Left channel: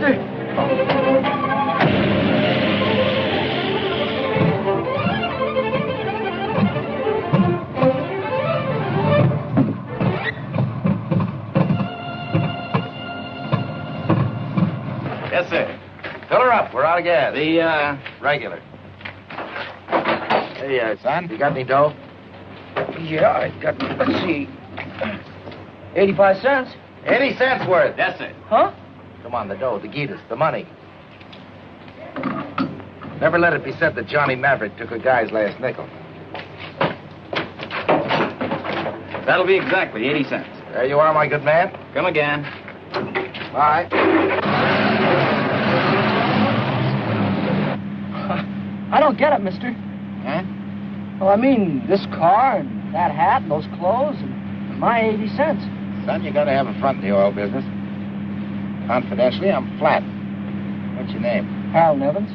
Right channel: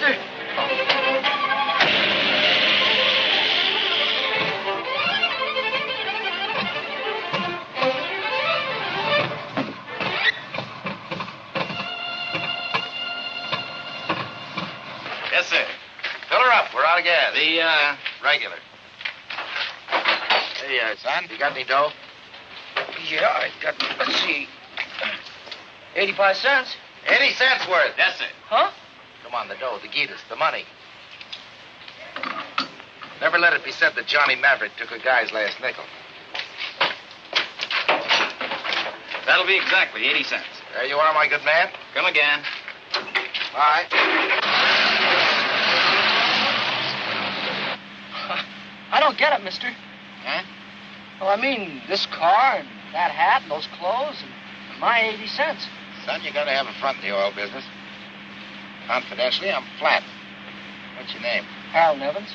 mister. Yes, sir. Fill her up. We're out of gas. The, regular. Hey, son, you got any dough? Yeah, I got, let's see, 85 cents. 80 cents worth. Yes, sir. Huh? Come on, the dough, the guitas, the money. Never let it be said that Johnny Maverick took a guy's last nickel. That'll be exactly 80 cents. There you are, my good man. Come again. Bye. I don't get it, mister. Huh? Well, I mean, this car and that hat and those clothes and my 80 cents. Son, you gotta have a front in the oil business. Confidentially, I'm flat. What's your name? Harold Evans.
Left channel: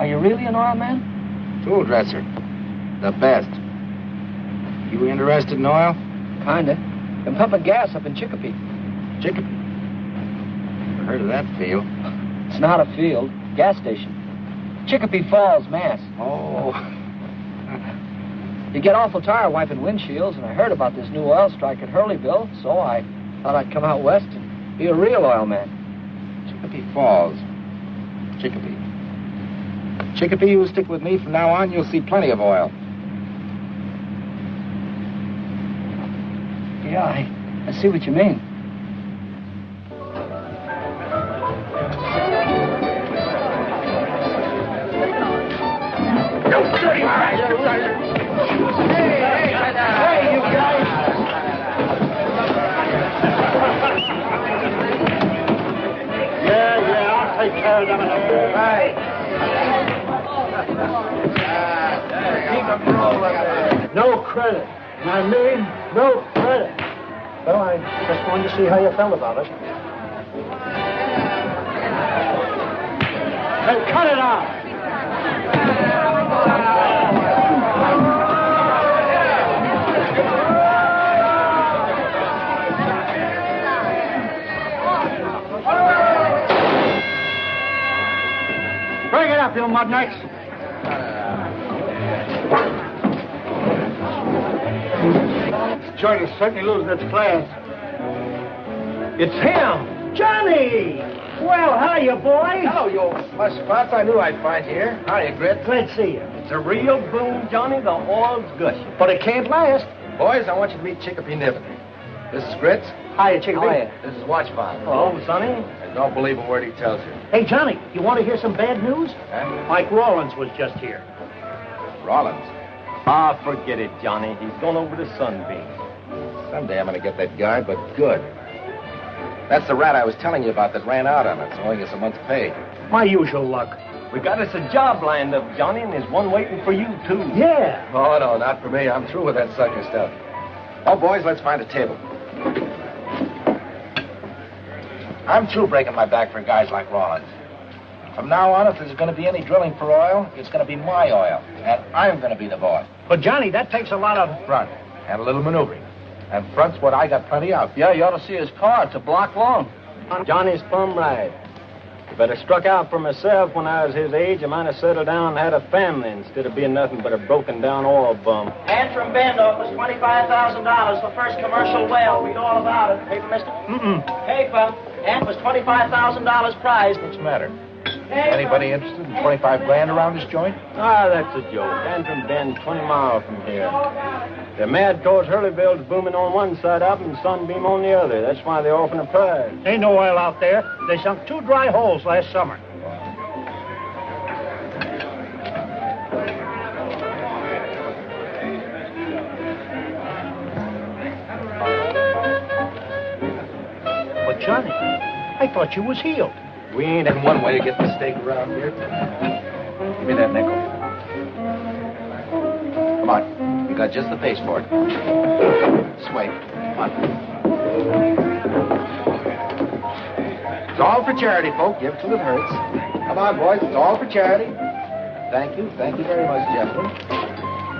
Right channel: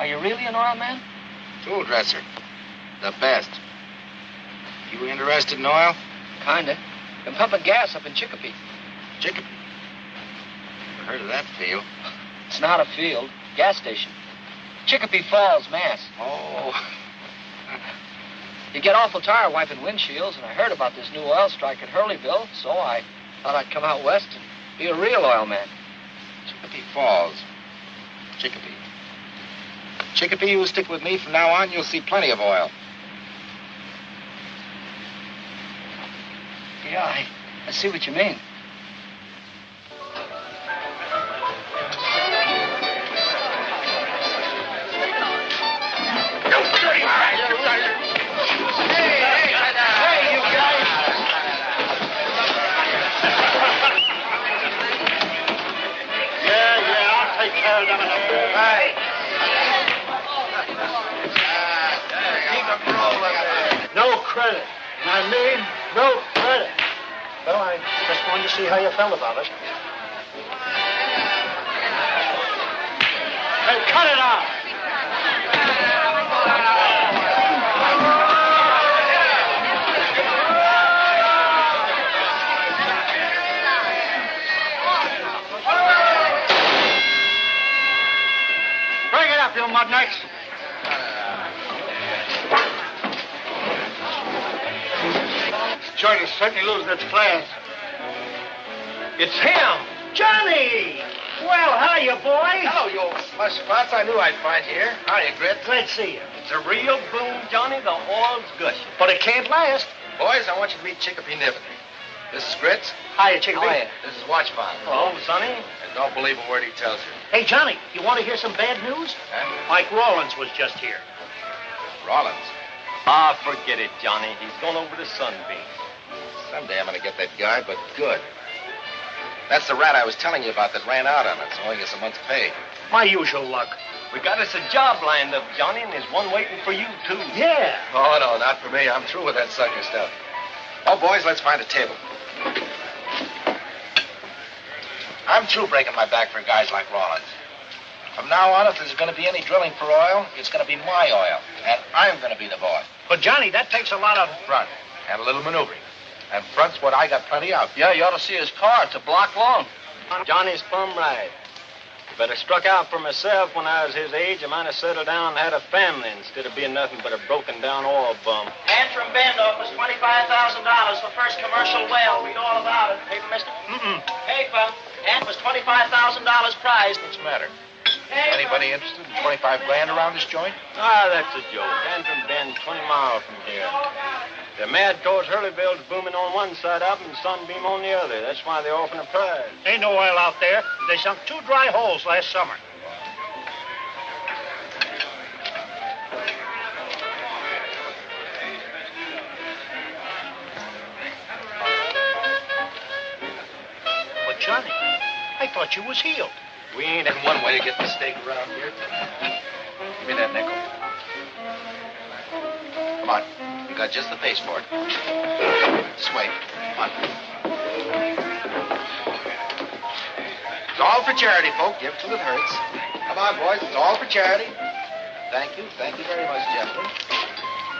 Are you really an oil man? Tool dresser. The best. You interested in oil? Kinda. Been pumping gas up in Chicopee. Chicopee. Heard of that field. It's not a field. Gas station. Chicopee Falls, Mass. Oh. You get awful tired wiping windshields, and I heard about this new oil strike at Hurleyville, so I thought I'd come out west and be a real oil man. Chicopee Falls. Chicopee. Chicopee, you stick with me from now on, you'll see plenty of oil. Yeah, I see what you mean. No credit. And I mean no credit. Well, I just wanted to see how you felt about it. Hey, cut it out! Bring it up, you mudnuts. This joint is certainly losing its class. It's him! Johnny! Well, hiya, boys. Hello, you old slush spots. I knew I'd find you here. Hiya, Grit. Glad to see you. It's a real boom, Johnny. The oil's gushing. But it can't last. Boys, I want you to meet Chicopee Niven. This is Grits. Hiya, Chicopee. Hiya. This is Watchfound. Hello, Sonny. And don't believe a word he tells you. Hey, Johnny, you want to hear some bad news? And Mike Rollins was just here. Rollins. Ah, forget it, Johnny. He's gone over to Sunbeam. Someday I'm gonna get that guy, but good. That's the rat I was telling you about that ran out on us, owing us a month's pay. My usual luck. We got us a job lined up, Johnny, and there's one waiting for you, too. Yeah. Oh, no, not for me. I'm through with that sucker stuff. Oh, boys, let's find a table. I'm through breaking my back for guys like Rollins. From now on, if there's going to be any drilling for oil, it's going to be my oil, and I'm going to be the boss. But, Johnny, that takes a lot of... Front, and a little maneuvering. And front's what I got plenty of. Yeah, you ought to see his car. It's a block long. Johnny's plumb right. If I'd have struck out for myself when I was his age, I might have settled down and had a family instead of being nothing but a broken-down oil bum. And from Bend offers $25,000 for first commercial well. Read all about it. Paper, mister? Paper. And was $25,000 prize. What's the matter? Anybody interested in 25 grand around this joint? Ah, that's a joke. Antrim Bend, 20 miles from here. The mad towards Hurleyville's booming on one side up and Sunbeam on the other. That's why they're offering a prize. Ain't no oil out there. They sunk 2 dry holes last summer. But, Johnny, I thought you was healed. We ain't in one way to get mistake around here. Give me that nickel. Come on. You got just the face for it. This way. Come on. It's all for charity, folk. Give till it hurts. Come on, boys. It's all for charity. Thank you. Thank you very much, gentlemen.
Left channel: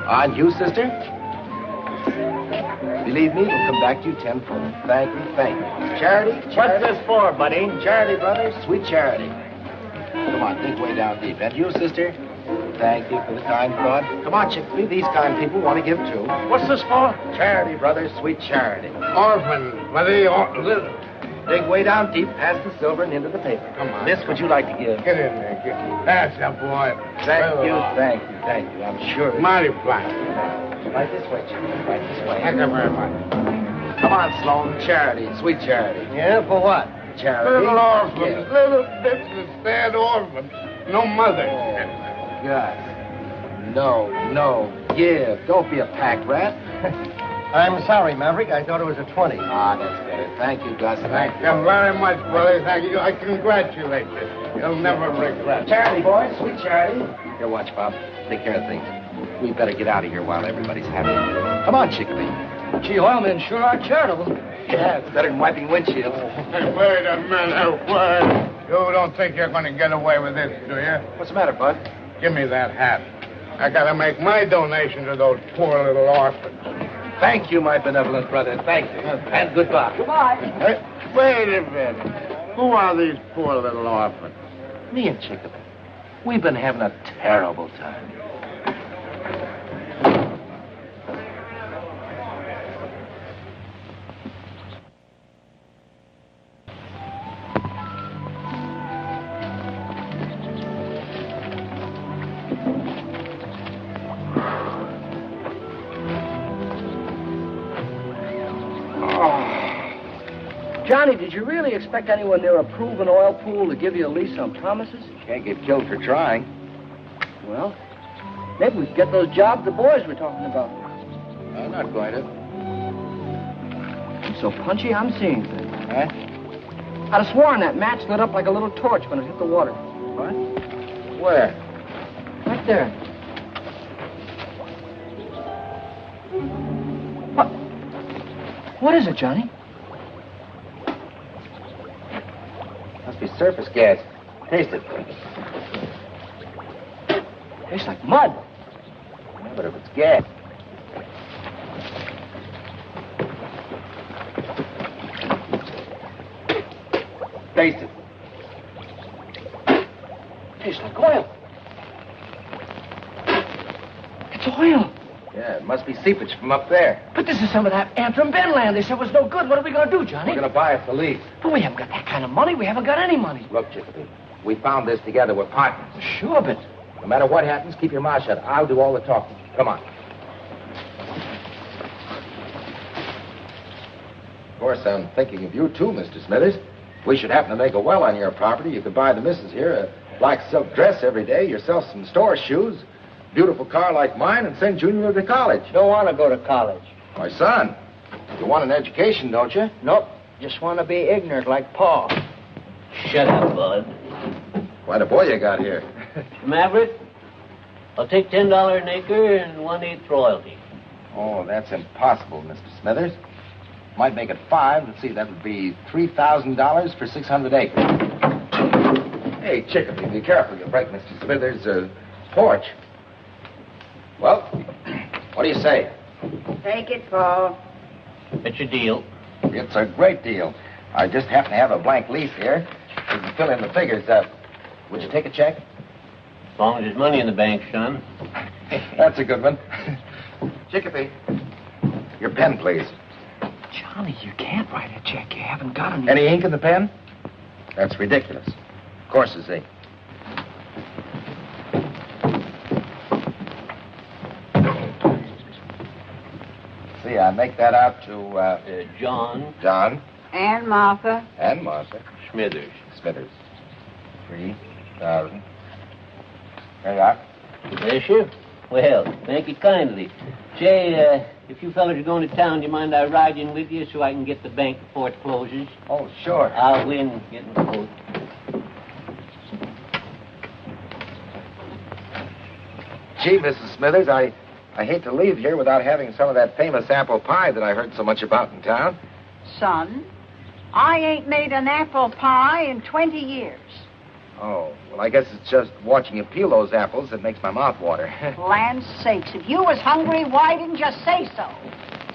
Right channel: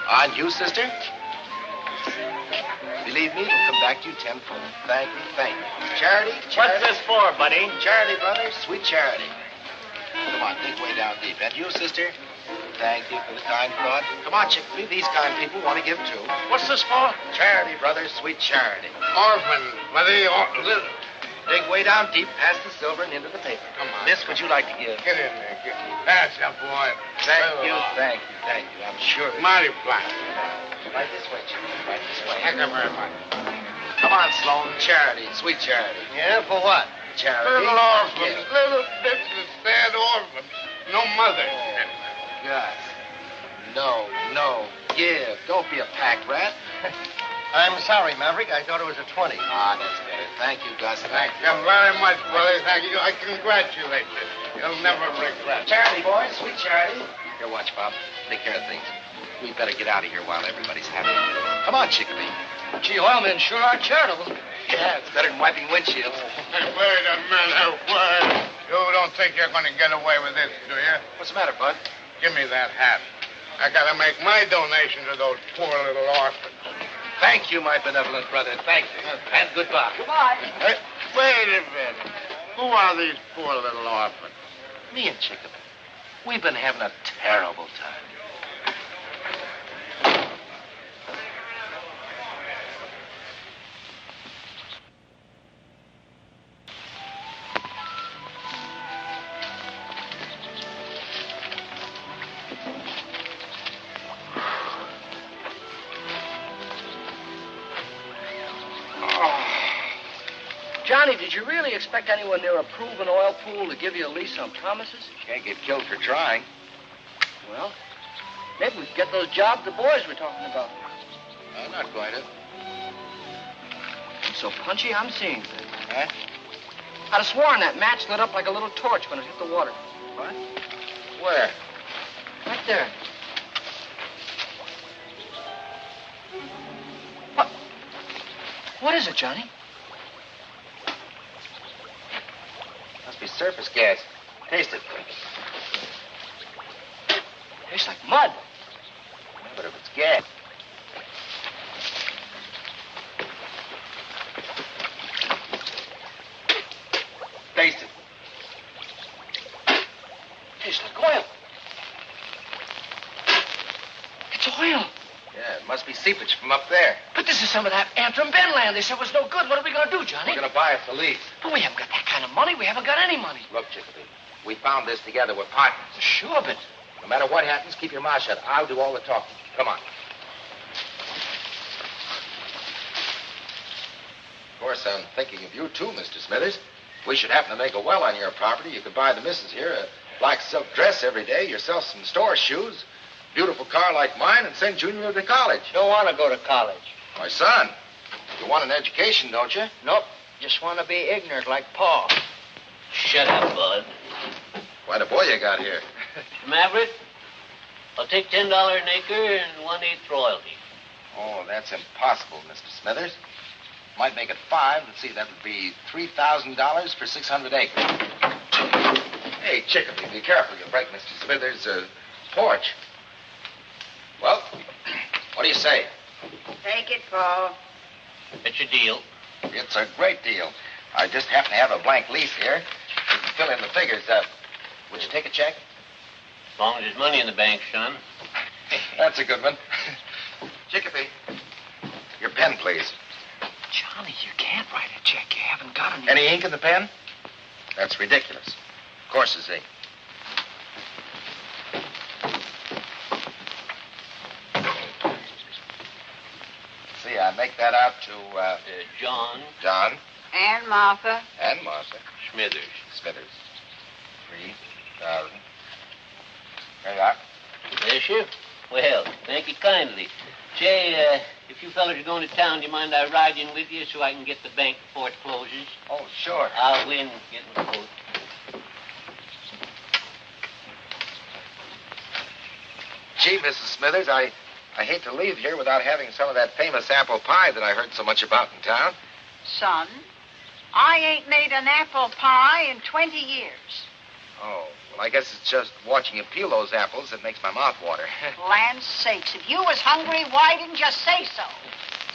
And you, sister? Believe me, it'll come back to you tenfold. Thank you, thank you. Charity, charity. What's this for, buddy? Charity, brothers, sweet charity. Come on, think way down deep. And you, sister? Thank you for the kind thought. Come on, Chickpea, these kind people want to give too. What's this for? Charity, brothers, sweet charity. Orphan, buddy, orphan. Dig way down deep, past the silver and into the paper. Come on. Miss, would you like to give? Get in there, get. That's a boy. Thank you, thank you, thank you. I'm sure. Mighty fine. Right this way, Chickpea, right this way. Thank you very much. Come on, Sloan, charity, sweet charity. Yeah, for what? Charity. Little orphan, Yeah. little bitch, sad orphan. No mother. Gus. No. Give. Don't be a pack rat. I'm sorry, Maverick. I thought it was a 20. Ah, that's better. Thank you, Gus. Thank you very much, brother. Thank you. I congratulate you. You'll never regret it. Charity, boys. Sweet charity. Here, watch, Bob. Take care of things. We better get out of here while everybody's happy. Come on, Chickpea. Gee, oilmen sure are charitable. Yeah, it's better than wiping windshields. Wait a minute, wait. You don't think you're going to get away with this, do you? What's the matter, Bud? Give me that hat. I got to make my donation to those poor little orphans. Thank you, my benevolent brother. Thank you. And goodbye. Goodbye. Wait a minute. Who are these poor little orphans? Me and Chickpea. We've been having a terrible time. Johnny, did you really expect anyone near a proven oil pool to give you a lease on promises? Can't get killed for trying. Well, maybe we could get those jobs the boys were talking about. I'm not going to. I'm so punchy, I'm seeing things. Huh? I'd have sworn that match lit up like a little torch when it hit the water. What? Where? Right there. What is it, Johnny? Must be surface gas. Taste it. Tastes like mud. Yeah, but if it's gas. Taste it. Tastes like oil. It's oil. Yeah, it must be seepage from up there. But this is some of that Antrim Ben land they said was no good. What are we going to do, Johnny? We're going to buy it for lease. But we haven't got that kind of money. We haven't got any money. Look, Chickpea, we found this together. We're partners. Sure, but... No matter what happens, keep your mouth shut. I'll do all the talking. Come on. Of course, I'm thinking of you, too, Mr. Smithers. If we should happen to make a well on your property, you could buy the missus here a black silk dress every day, yourself some store shoes, beautiful car like mine, and send Junior to college. Don't want to go to college. My son, you want an education, don't you? Nope. Just want to be ignorant like Paul. Shut up, Bud. Quite a boy you got here. Maverick, I'll take $10 an acre and 1/8 royalty. Oh, that's impossible, Mr. Smithers. Might make it 5. Let's see, that would be $3,000 for 600 acres. Hey, Chickpea, be careful. You'll break Mr. Smithers' porch. Well, what do you say? Take it, Paul. It's a deal. It's a great deal. I just happen to have a blank lease here. We can fill in the figures. Would you take a check? As long as there's money in the bank, son. That's a good one. Chickpea, your pen, please. Johnny, you can't write a check. You haven't got any... Any ink in the pen? That's ridiculous. Of course there's ink. See, I make that out to, John John And Martha. and Martha Smithers. Smithers. 3,000. There you are. Bless you. Well, thank you kindly. Say, if you fellas are going to town, do you mind I ride in with you so I can get the bank before it closes? Oh, sure. I'll win getting the vote. Gee, Mrs. Smithers, I hate to leave here without having some of that famous apple pie that I heard so much about in town. Son, I ain't made an apple pie in 20 years. Oh, well, I guess it's just watching you peel those apples that makes my mouth water. Land's sakes, if you was hungry, why didn't you say so?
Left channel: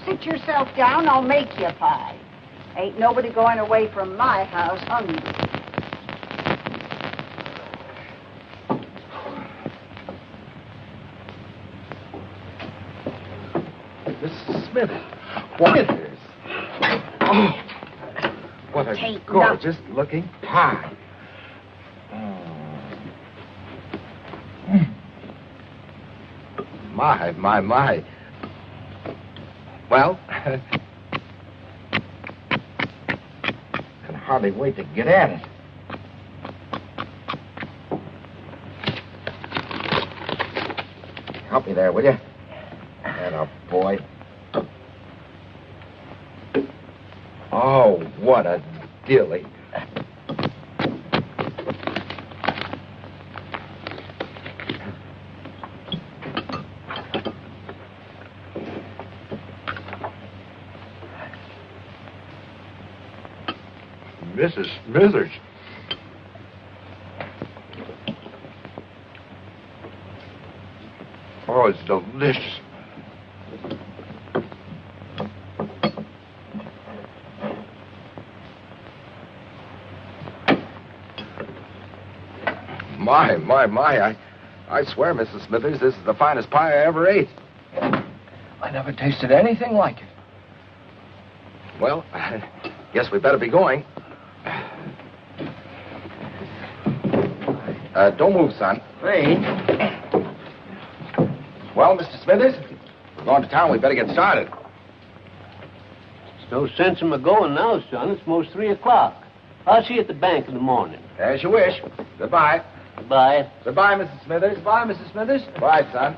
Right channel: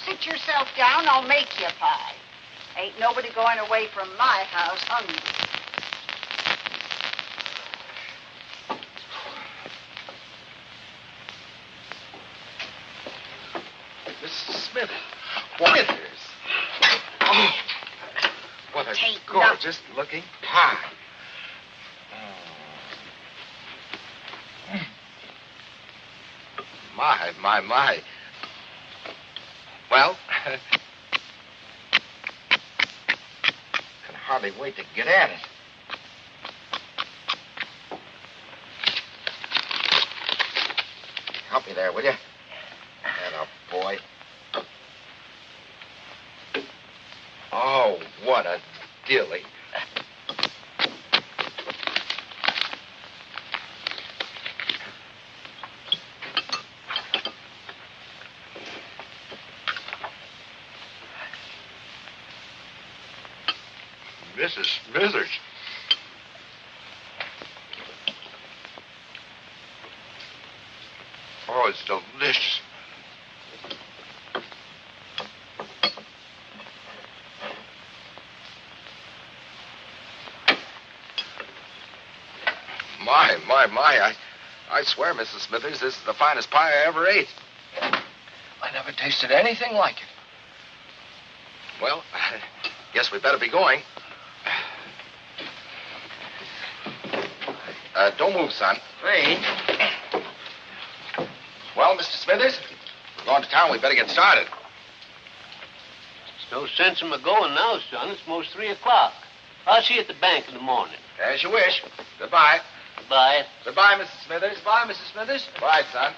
sit yourself down, I'll make you a pie. Ain't nobody going away from my house hungry. Mrs. Smithers. Smithers. Oh, what a Tain't gorgeous looking pie. My. Well, can hardly wait to get at it. Help me there, will you? Atta boy. Oh, what a dilly. Mrs. Smithers. Oh, it's delicious. My. I swear, Mrs. Smithers, this is the finest pie I ever ate. I never tasted anything like it. Well, guess we better be going. Don't move, son. Wait. Well, Mr. Smithers, we're going to town. We better get started. There's no sense in my going now, son. It's most 3 o'clock. I'll see you at the bank in the morning. As you wish. Goodbye. Goodbye. Goodbye, Mrs. Smithers. Bye, Mrs. Smithers. Bye, son.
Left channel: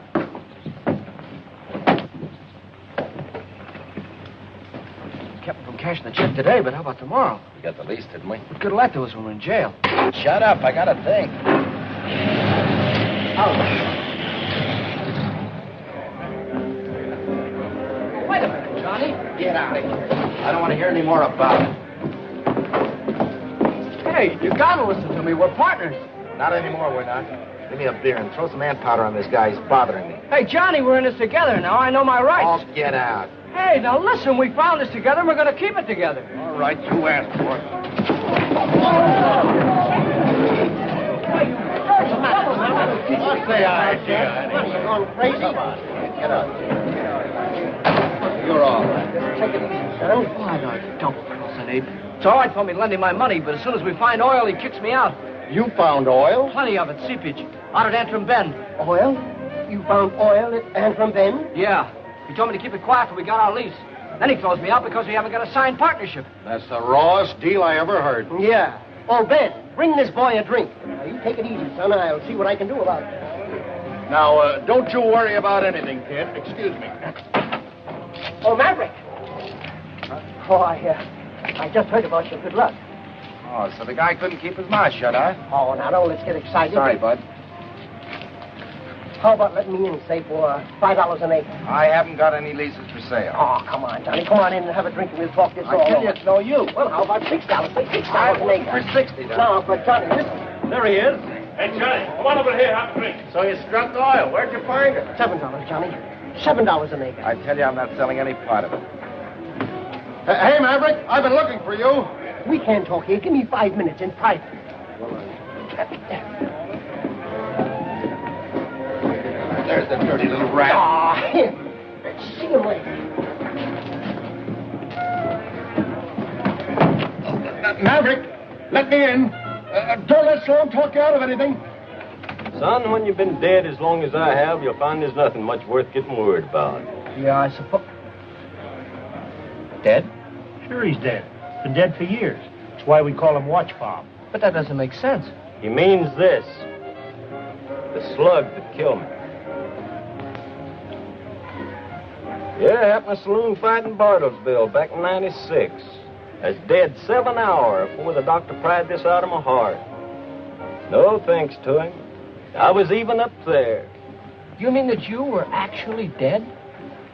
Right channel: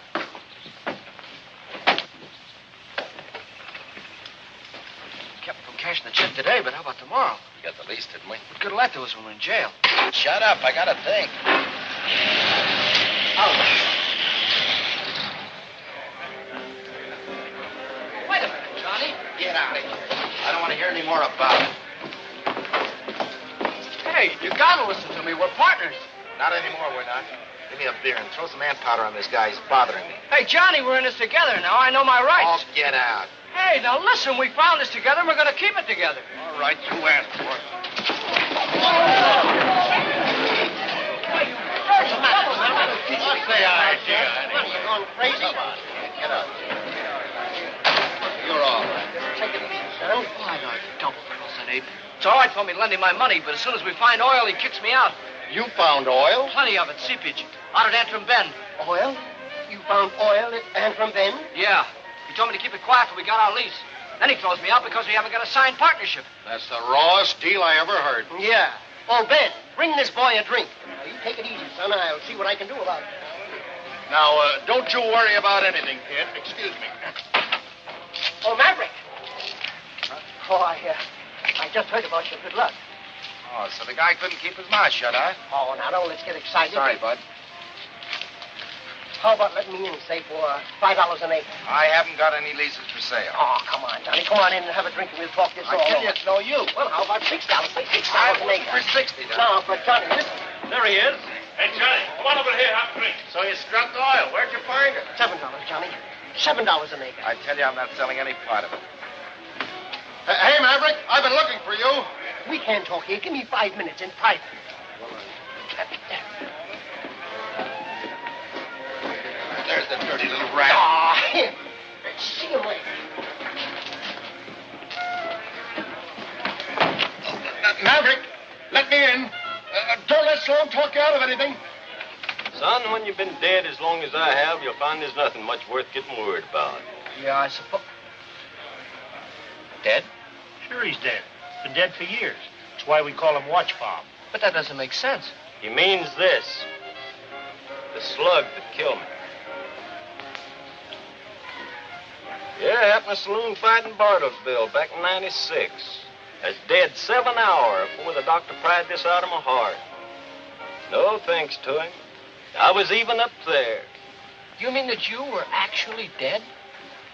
Kept me from cashing the check today, but how about tomorrow? We got the lease, didn't we? What good will that do us when we're in jail? Shut up. I got to think. Wait a minute, Johnny. Get out of here. I don't want to hear any more about it. Hey, you gotta listen to me. We're partners. Not anymore, we're not. Give me a beer and throw some ant powder on this guy. He's bothering me. Hey, Johnny, we're in this together now. I know my rights. Oh, get out. Hey, now listen, we found this together and we're gonna keep it together. All right, you asked for it. Say I did. You going crazy? Get up. You're all right. Take it easy, son. Oh, no, don't, Wilson, Abe. It's all right for me to lend him my money, but as soon as we find oil, he kicks me out. You found oil? Plenty of it, seepage, out at Antrim Bend. Oil? You found oil at Antrim Bend? Yeah. He told me to keep it quiet till we got our lease. Then he throws me out because we haven't got a signed partnership. That's the rawest deal I ever heard. Yeah. Oh, Ben, bring this boy a drink. Now, you take it easy, son. I'll see what I can do about it. Now, don't you worry about anything, kid. Excuse me. Oh, Maverick. Oh, I just heard about your good luck. Oh, so the guy couldn't keep his mouth shut, huh? Oh, now, don't let's get excited. Sorry, bud. How about letting me in, say, for $5 an acre? I haven't got any leases for sale. Oh, come on, Johnny. Come on in and have a drink and we'll talk this I all tell over. you, it's no use. Well, how about $6? Say $6 an acre. For 60, then. No, but Johnny, listen. There he is. Hey, Johnny, come on over here. Have a drink. So you struck oil. Where'd you find it? $7, Johnny. $7 an acre. I tell you, I'm not selling any part of it. Hey, Maverick, I've been looking for you. We can't talk here. Give me 5 minutes in private. There's the dirty little rat. Ah, here. Let's see him later. Maverick, let me in. Don't let Sloan talk you out of anything. Son, when you've been dead as long as I have, you'll find there's nothing much worth getting worried about. Yeah, I suppose. Dead? Sure he's dead. Been dead for years. That's why we call him Watch Bob. But that doesn't make sense. He means this. The slug that killed me. Yeah, happened a saloon fight in Bartlesville back in '96. I was dead 7 hours before the doctor pried this out of my heart. No thanks to him. I was even up there. You mean that you were actually dead?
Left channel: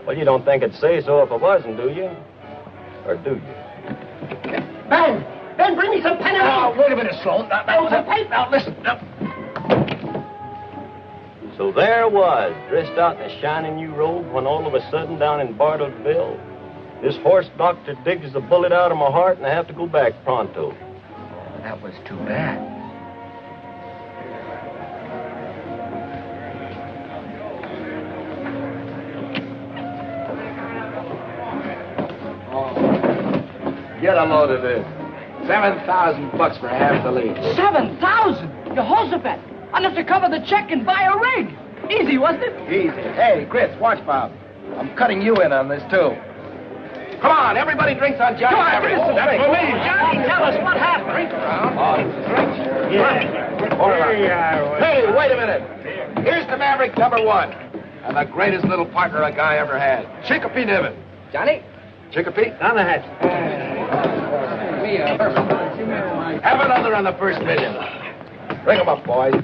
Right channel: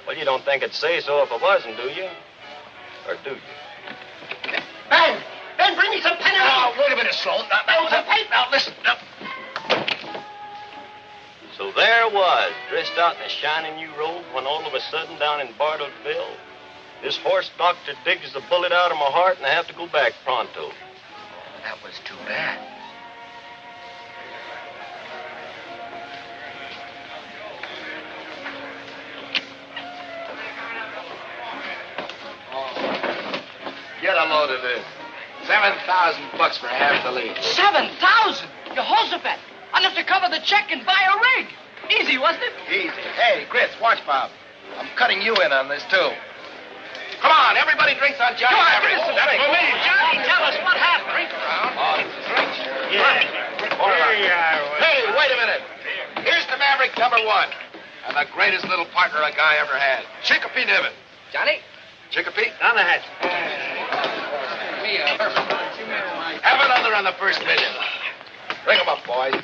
Well, you don't think I'd say so if I wasn't, do you? Or do you? Ben! Ben, bring me some pen and ink. Wait a minute, Sloan. Some paper. Now, listen. So there I was, dressed out in a shiny new robe, when all of a sudden down in Bartlesville, This horse doctor digs the bullet out of my heart, and I have to go back pronto. That was too bad. Get a load of this. $7,000 for half the lease. 7,000? Jehoshaphat, enough to cover the check and buy a rig. Easy, wasn't it? Easy. Hey, Grits, watch, Bob. I'm cutting you in on this, too. Come on, everybody drinks on Johnny Maverick. Johnny, tell us what happened. Hey, wait a minute. Here's the Maverick #1. And the greatest little partner a guy ever had. Chicopee Niven. Johnny? Chicopee? Down the hatch. Have another on the first million. Bring 'em up, boys.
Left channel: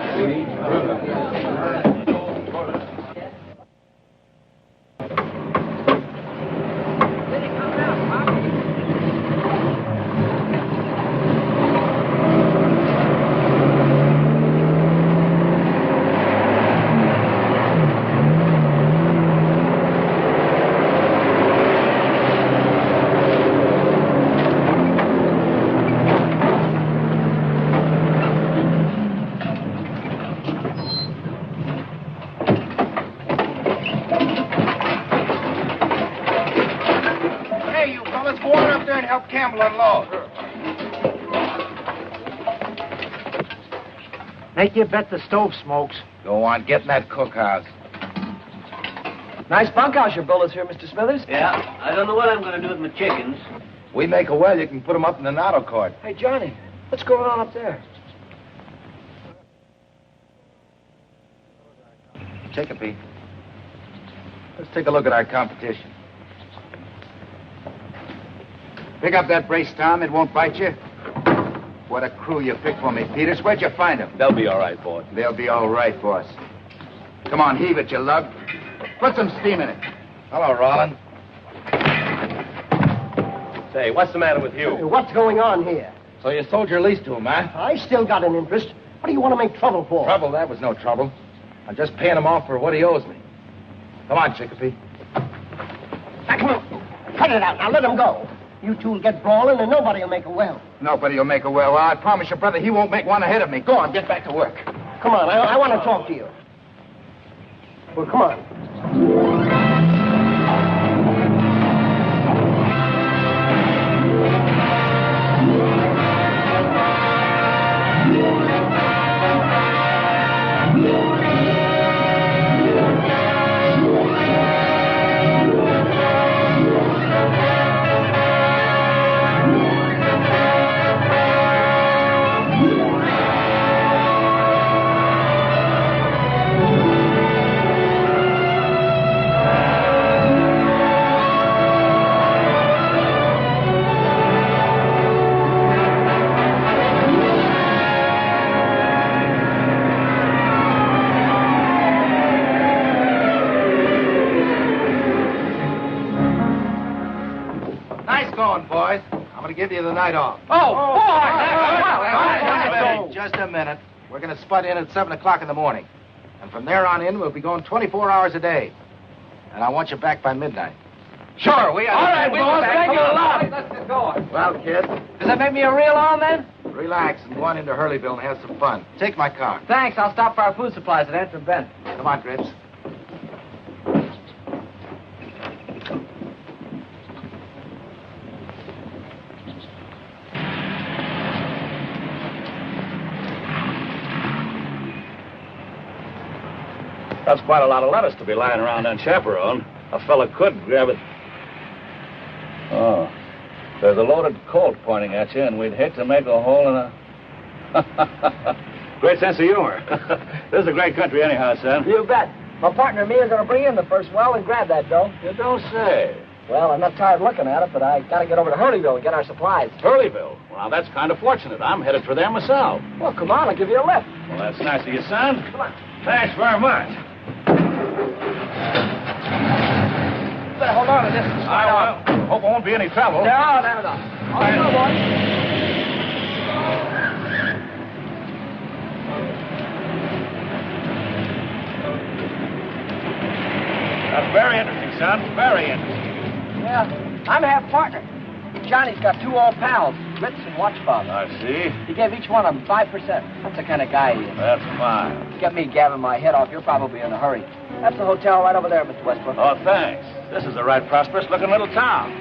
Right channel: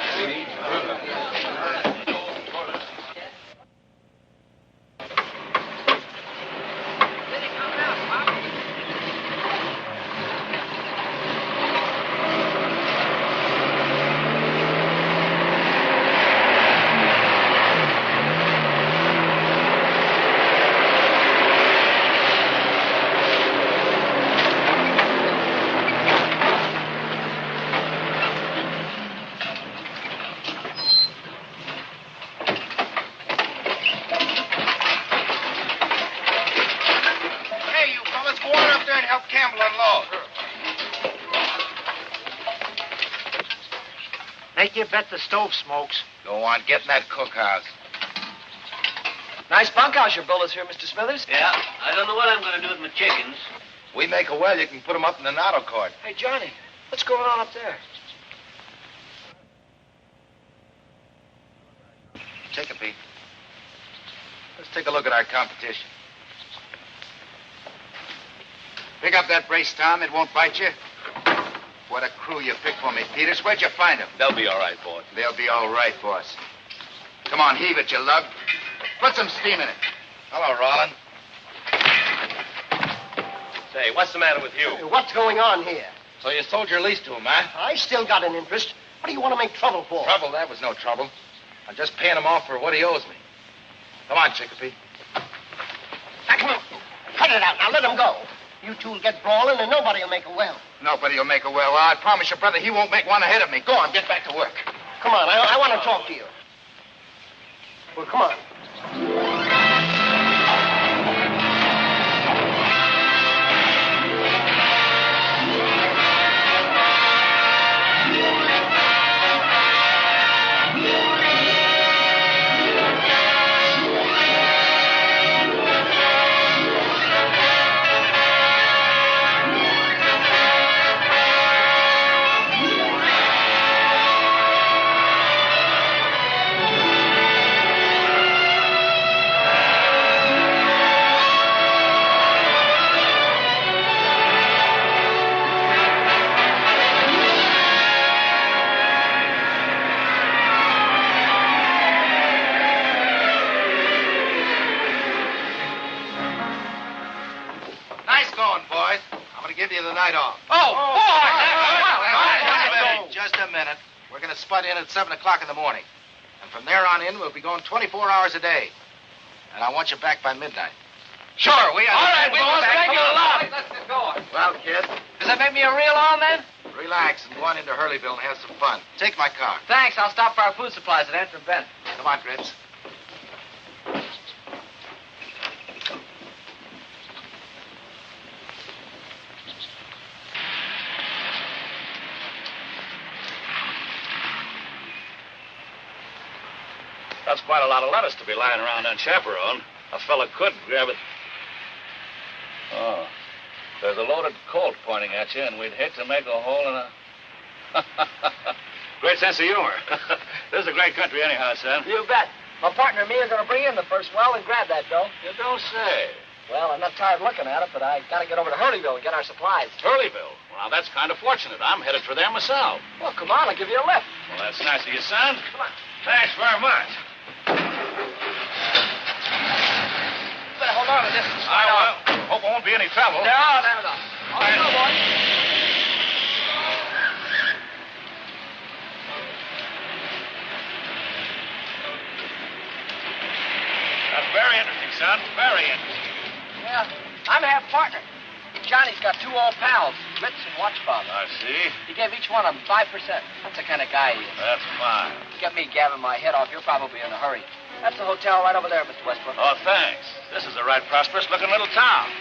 Make you bet the stove smokes. Go on, get in that cookhouse. Nice bunkhouse your builders here, Mr. Smithers. Yeah, I don't know what I'm going to do with my chickens. We make a well, you can put 'em up in the auto court. Hey, Johnny, what's going on up there? Chicopee. Let's take a look at our competition. Pick up that brace, Tom. It won't bite you. What a crew you picked for me, Peters. Where'd you find them? They'll be all right, boss. They'll be all right, boss. Come on, heave it, you lug. Put some steam in it. Hello, Rollin. Say, what's the matter with you? What's going on here? So you sold your lease to him, huh? I still got an interest. What do you want to make trouble for? Trouble? That was no trouble. I'm just paying him off for what he owes me. Come on, Chicopee. Now, come on. Cut it out. Now, let him go. You two will get brawling, and nobody will make a well. Nobody will make a well. I promise you, brother, he won't make one ahead of me. Go on, get back to work. Come on, I want to talk to you. Well, come on. Give you the night off. Just a minute. We're going to spud in at 7 o'clock in the morning. And from there on in, we'll be going 24 hours a day. And I want you back by midnight. Sure, we are. All right, boss, thank you a lot. Let's get going. Well, kid. Does that make me a real on then? Relax and go on into Hurleyville and have some fun. Take my car. Thanks, I'll stop for our food supplies at Antrim Bend. Come on, Grits. That's quite a lot of lettuce to be lying around unchaperoned. A fella could grab it. Oh, there's a loaded Colt pointing at you, and we'd hate to make a hole in a... Great sense of humor. This is a great country anyhow, son. You bet. My partner and me are going to bring in the first well and grab that dough. You don't say. Well, I'm not tired looking at it, but I got to get over to Hurleyville and get our supplies. Hurleyville? Well, now, that's kind of fortunate. I'm headed for there myself. Well, come on, I'll give you a lift. Well, that's nice of you, son. Come on. Thanks very much. Better hold on to this. I will. Hope there won't be any trouble. No. All right, boy. That's very interesting, son. Very interesting. Yeah, I'm half partner. Johnny's got two old pals, Ritz and Watchbob. I see. He gave each one of them 5%. That's the kind of guy he is. That's fine. Get me gabbing my head off. You're probably in a hurry. That's the hotel right over there, Mr. Westbrook. Oh, thanks. This is a right prosperous-looking little town.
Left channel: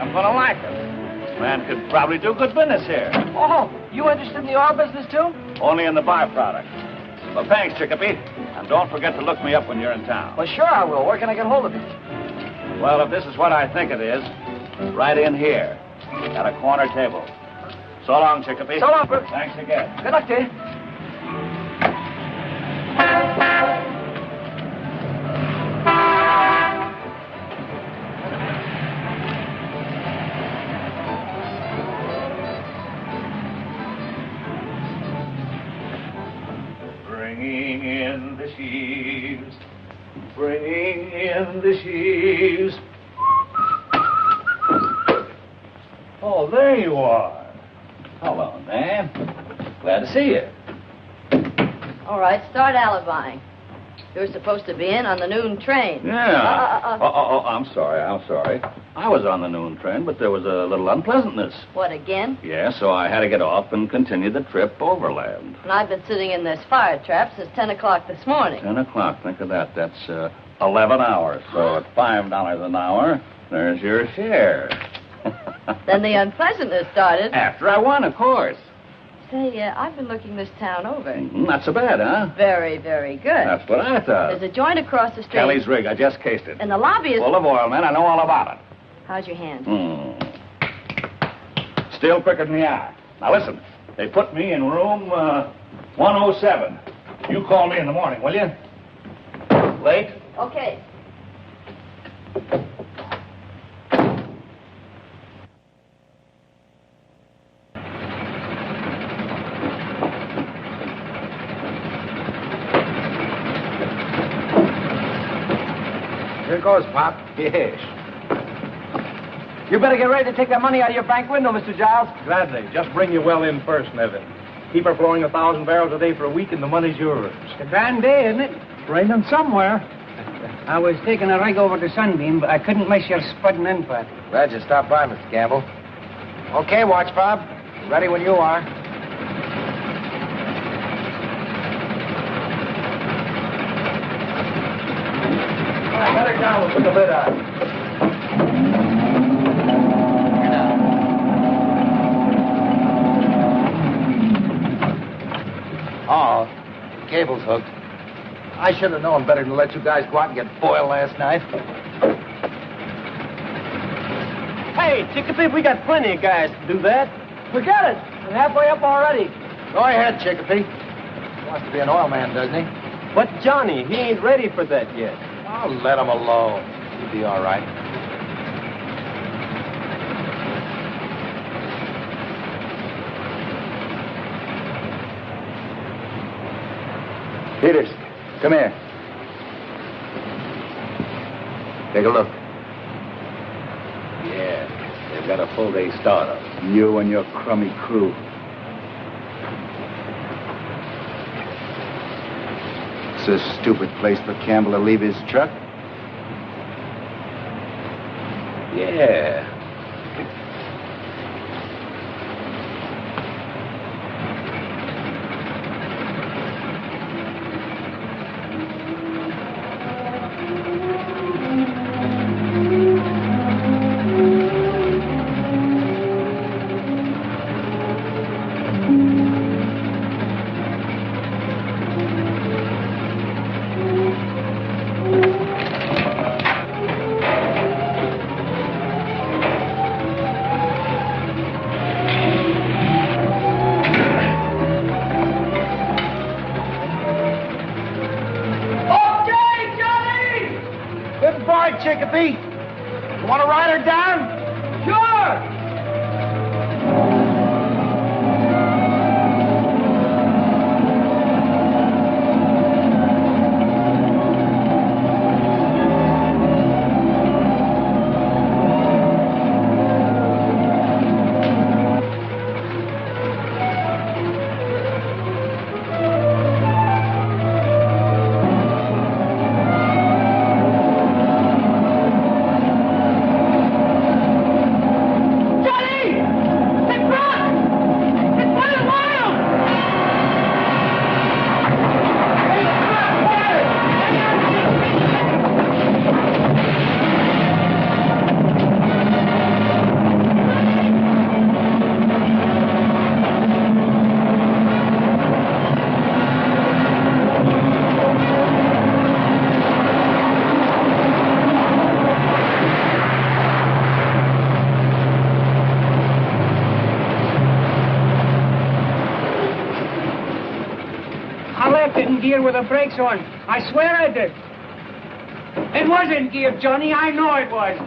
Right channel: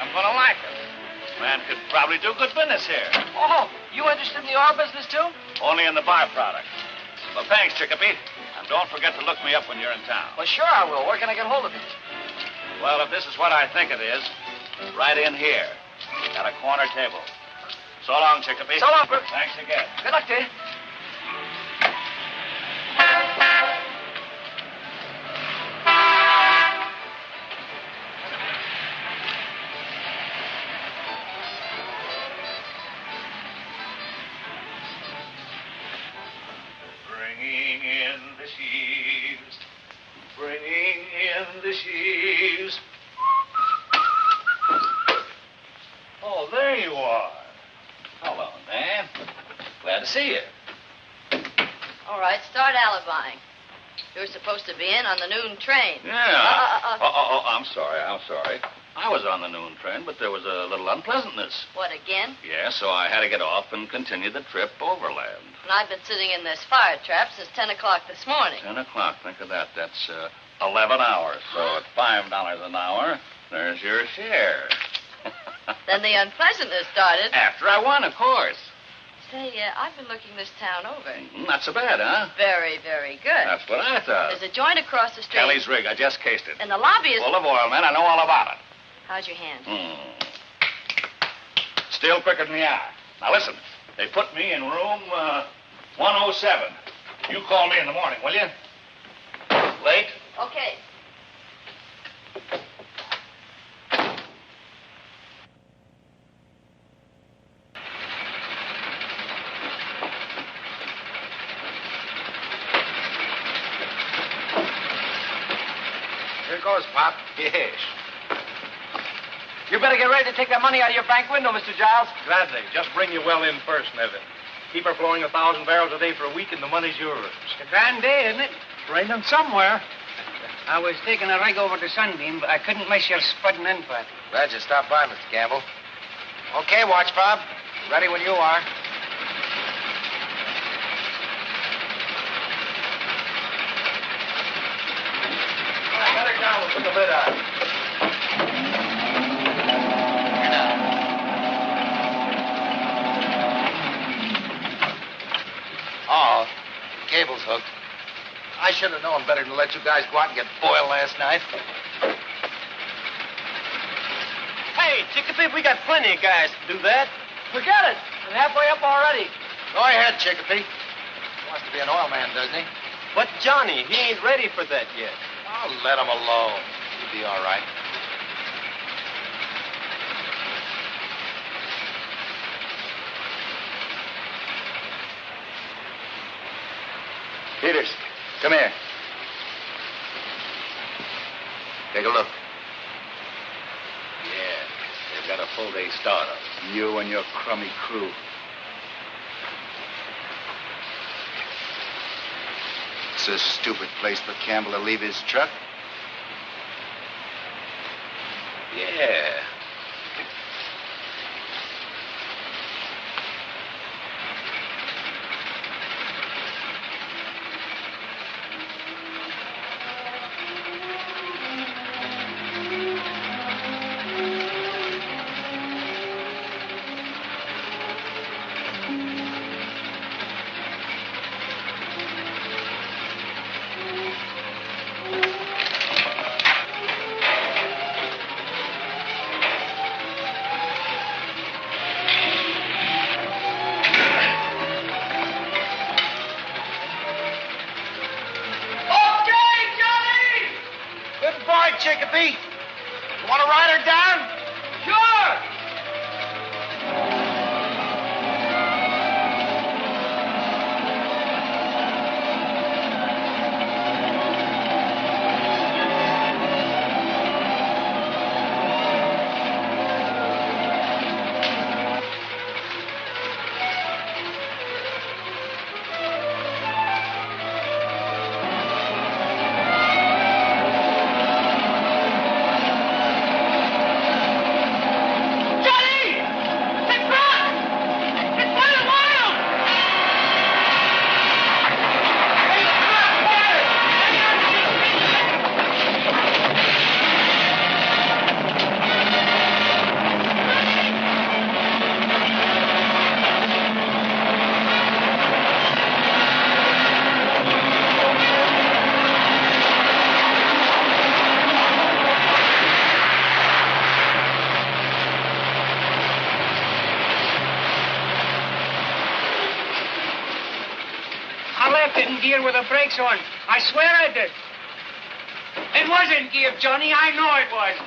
I'm going to like it. This man could probably do good business here. Oh, you interested in the oil business, too? Only in the byproduct. Well, thanks, Chicopee. And don't forget to look me up when you're in town. Well, sure I will. Where can I get hold of you? Well, if this is what I think it is, right in here, at a corner table. So long, Chicopee. So long, Brooke. Thanks again. Good luck to you. Bringing in the sheaves, bringing in the sheaves. Oh, there you are. Hello, man. Glad to see you. All right, start alibying. You're supposed to be in on the noon train. Yeah. I'm sorry. I was on the noon train, but there was a little unpleasantness. What, again? Yeah, so I had to get off and continue the trip overland. And I've been sitting in this fire trap since 10 o'clock this morning. 10 o'clock, think of that. That's 11 hours. So at $5 an hour, there's your share. Then the unpleasantness started. After I won, of course. Say, I've been looking this town over. Not so bad, huh? Very, very good. That's what I thought. There's a joint across the street. Kelly's rig. I just cased it. And the lobby is... Full of oil, man. I know all about it. How's your hand? Still quicker than the eye. Now, listen. They put me in room 107. You call me in the morning, will you? Late? Okay. Here goes, Pop. Yes. You better get ready to take that money out of your bank window, Mr. Giles. Gladly. Just bring your well in first, Nevin. Keep her flowing 1,000 barrels a day for a week, and the money's yours. It's a grand day, isn't it? It's raining somewhere. I was taking a rig over to Sunbeam, but I couldn't miss your spudding in party. Glad you stopped by, Mr. Campbell. Okay, Watchbob. Ready when you are. Let it down. Put the lid on. Oh, the cable's hooked. I should have known better than to let you guys go out and get boiled last night. Hey, Chicopee, we got plenty of guys to do that. Forget it. I'm halfway up already. Go ahead, Chicopee. Wants to be an oil man, doesn't he? But Johnny, he ain't ready for that yet. I'll let him alone. He'll be all right. Peters, come here. Take a look. Yeah, they've got a full day start up. You and your crummy crew. It's a stupid place for Campbell to leave his truck. Yeah. Chicopee. You want to ride her down? Sure. didn't gear with the brakes on. I swear I did. It was in gear, Johnny. I know it was.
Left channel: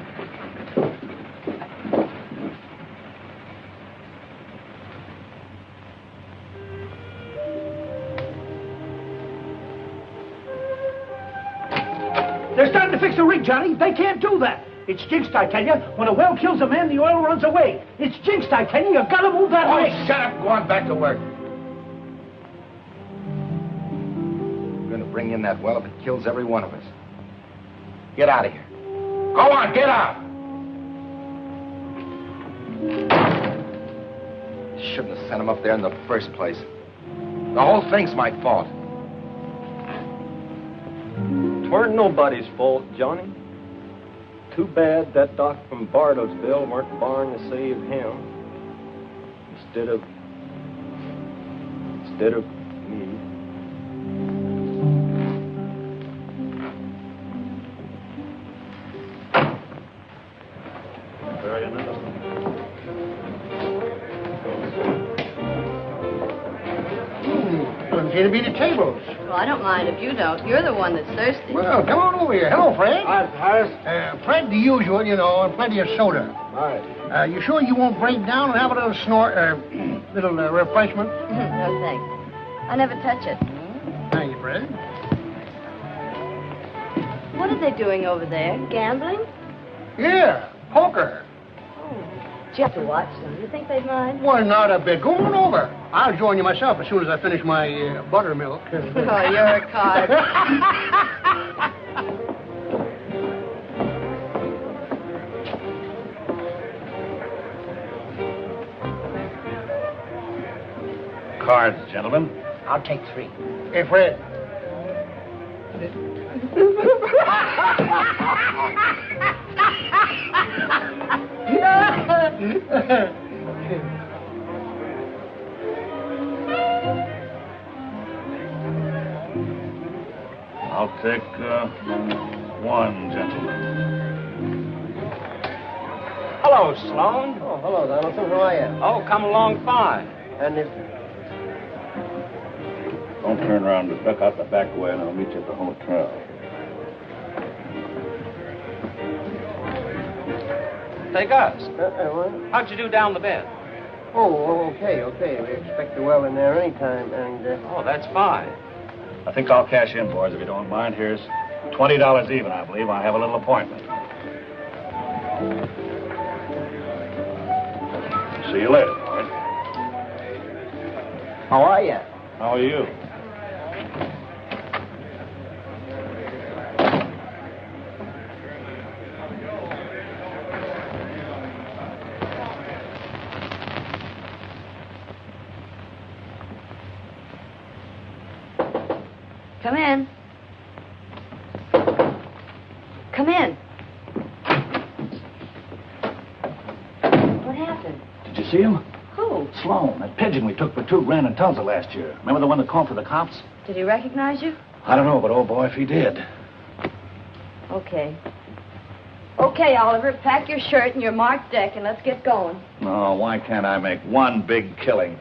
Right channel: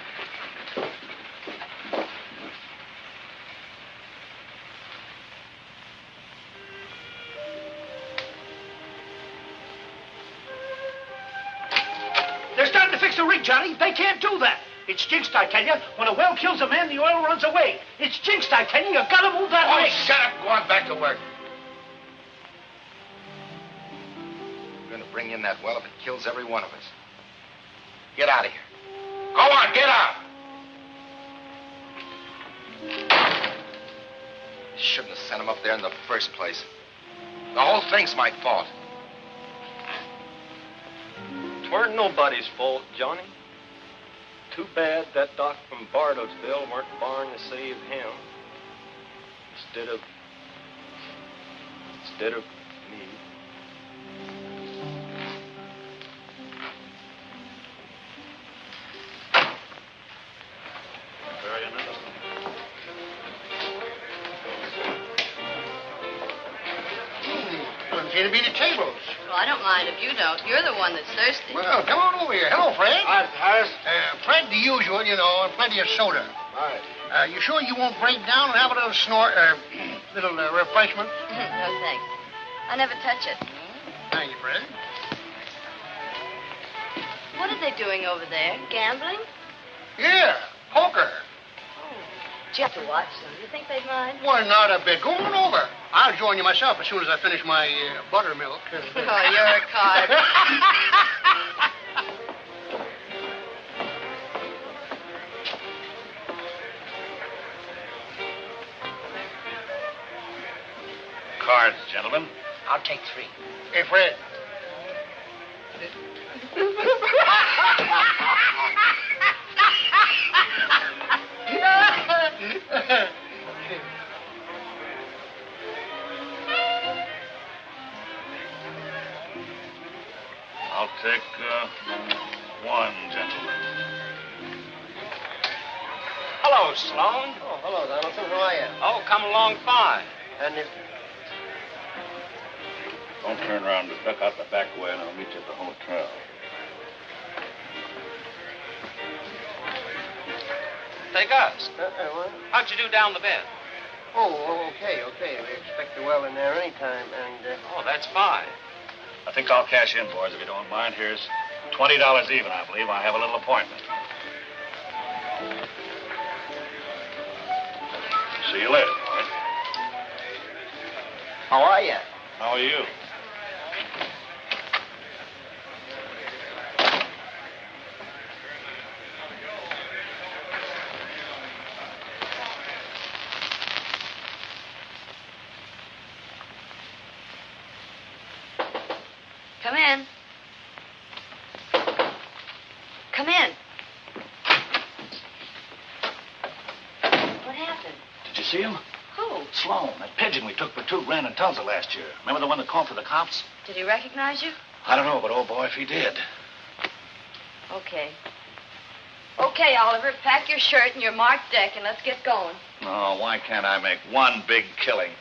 They're starting to fix the rig, Johnny. They can't do that. It's jinxed, I tell you. When a well kills a man, the oil runs away. It's jinxed, I tell you. You've got to move that rig. Shut up. Go on back to work. We're going to bring in that well if it kills every one of us. Get out of here. Go on, get out. Shouldn't have sent him up there in the first place. The whole thing's my fault. It weren't nobody's fault, Johnny. Too bad that doc from Bardottsville weren't born to save him. Instead of me. Wouldn't care to be the tables. Well, I don't mind if you don't. You're the one that's thirsty. Well, come on over here. Hello, Fred. Hi, Harris. Fred, the usual, you know, and plenty of soda. All right. You sure you won't break down and have a little little refreshment? No, thanks. I never touch it. Thank you, Fred. What are they doing over there? Gambling? Yeah, poker. Did you have to watch them? Do you think they'd mind? Well, not a bit. Go on over. I'll join you myself as soon as I finish my buttermilk. Oh, you're a card. Cards, gentlemen. I'll take 3. Hey, Fred. I'll take 1, gentlemen. Hello, Sloan. Oh, hello, Donaldson. How are you? Oh, come along fine. And Don't turn around. Just duck out the back way and I'll meet you at the hotel. Hey, Gus. what? How'd you do down the bed? Oh, okay. We expect the well in there anytime, and... Oh, that's fine. I think I'll cash in, boys, if you don't mind. Here's $20 even, I believe. I have a little appointment. See you later, boys. How are you? How are you? Come in. Come in. What happened? Did you see him? Who? Sloan, that pigeon we took for $2 grand in Tulsa last year. Remember the one that called for the cops? Did he recognize you? I don't know, but oh boy, if he did. Okay. Okay, Oliver, pack your shirt and your marked deck and let's get going. No, why can't I make one big killing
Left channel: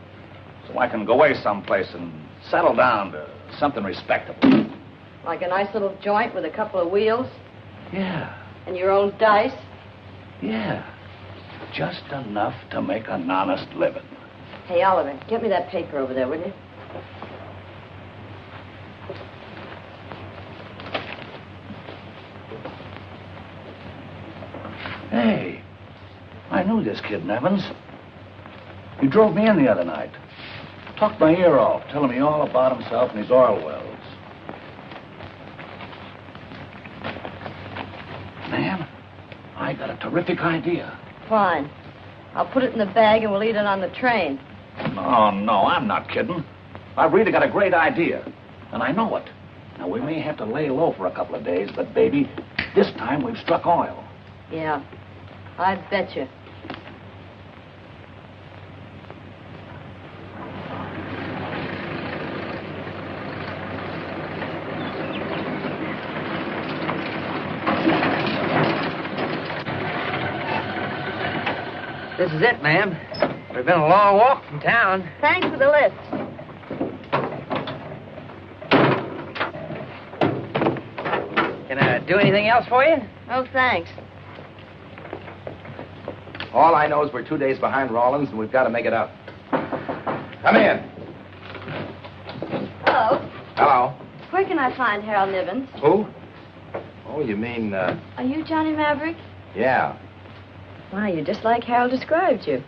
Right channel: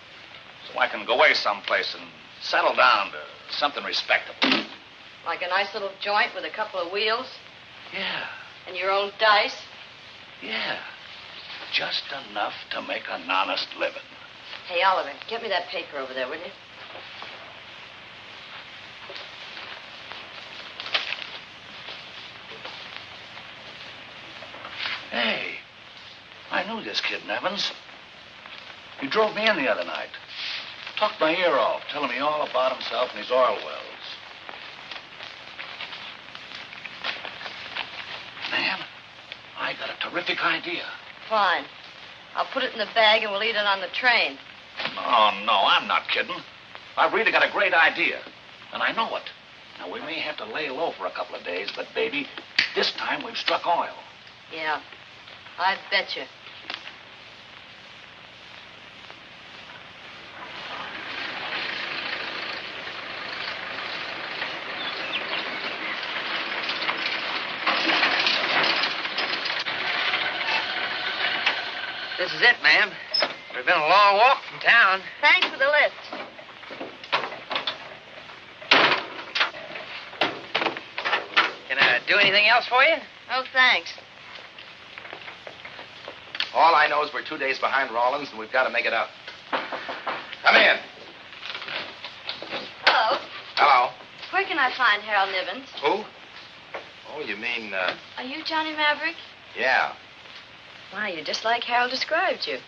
so I can go away someplace and settle down to something respectable? Like a nice little joint with a couple of wheels? Yeah. And your own dice? Yeah. Just enough to make an honest living. Hey, Oliver, get me that paper over there, will you? Hey, I knew this kid, Nevins. He drove me in the other night. Tucked my ear off, telling me all about himself and his oil wells. Man, I got a terrific idea. Fine. I'll put it in the bag and we'll eat it on the train. No, I'm not kidding. I've really got a great idea, and I know it. Now, we may have to lay low for a couple of days, but, baby, this time we've struck oil. Yeah, I bet you. This is it, ma'am. We've been a long walk from town. Thanks for the lift. Do anything else for you? Oh, thanks. All I know is we're 2 days behind Rollins, and we've got to make it up. Come in. Hello. Hello. Where can I find Harold Nivens? Who? Oh, you mean, Are you Johnny Maverick? yeah. Why, you're just like Harold described you.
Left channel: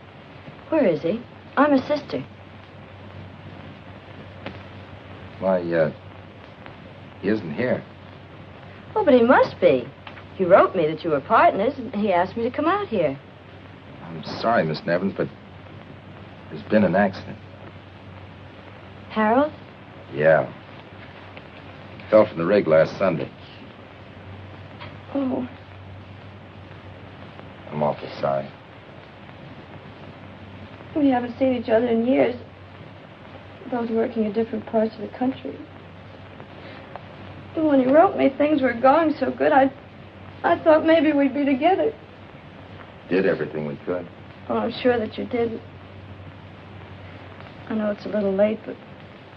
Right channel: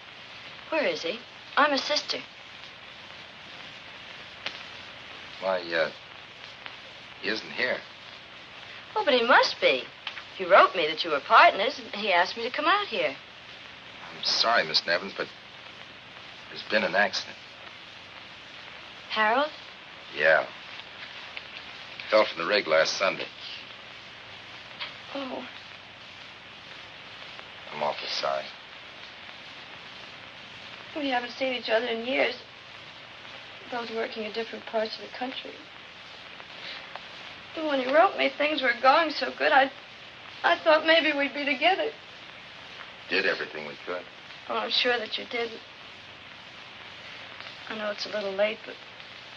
Where is he? I'm his sister. Why, he isn't here. Oh, but he must be. He wrote me that you were partners, and he asked me to come out here. I'm sorry, Miss Nevins, but there's been an accident. Harold? Yeah. Fell from the rig last Sunday. Oh. I'm awful sorry. We haven't seen each other in years. Both working in different parts of the country. But when he wrote me things were going so good, I thought maybe we'd be together. Did everything we could. Oh, I'm sure that you did. I know it's a little late, but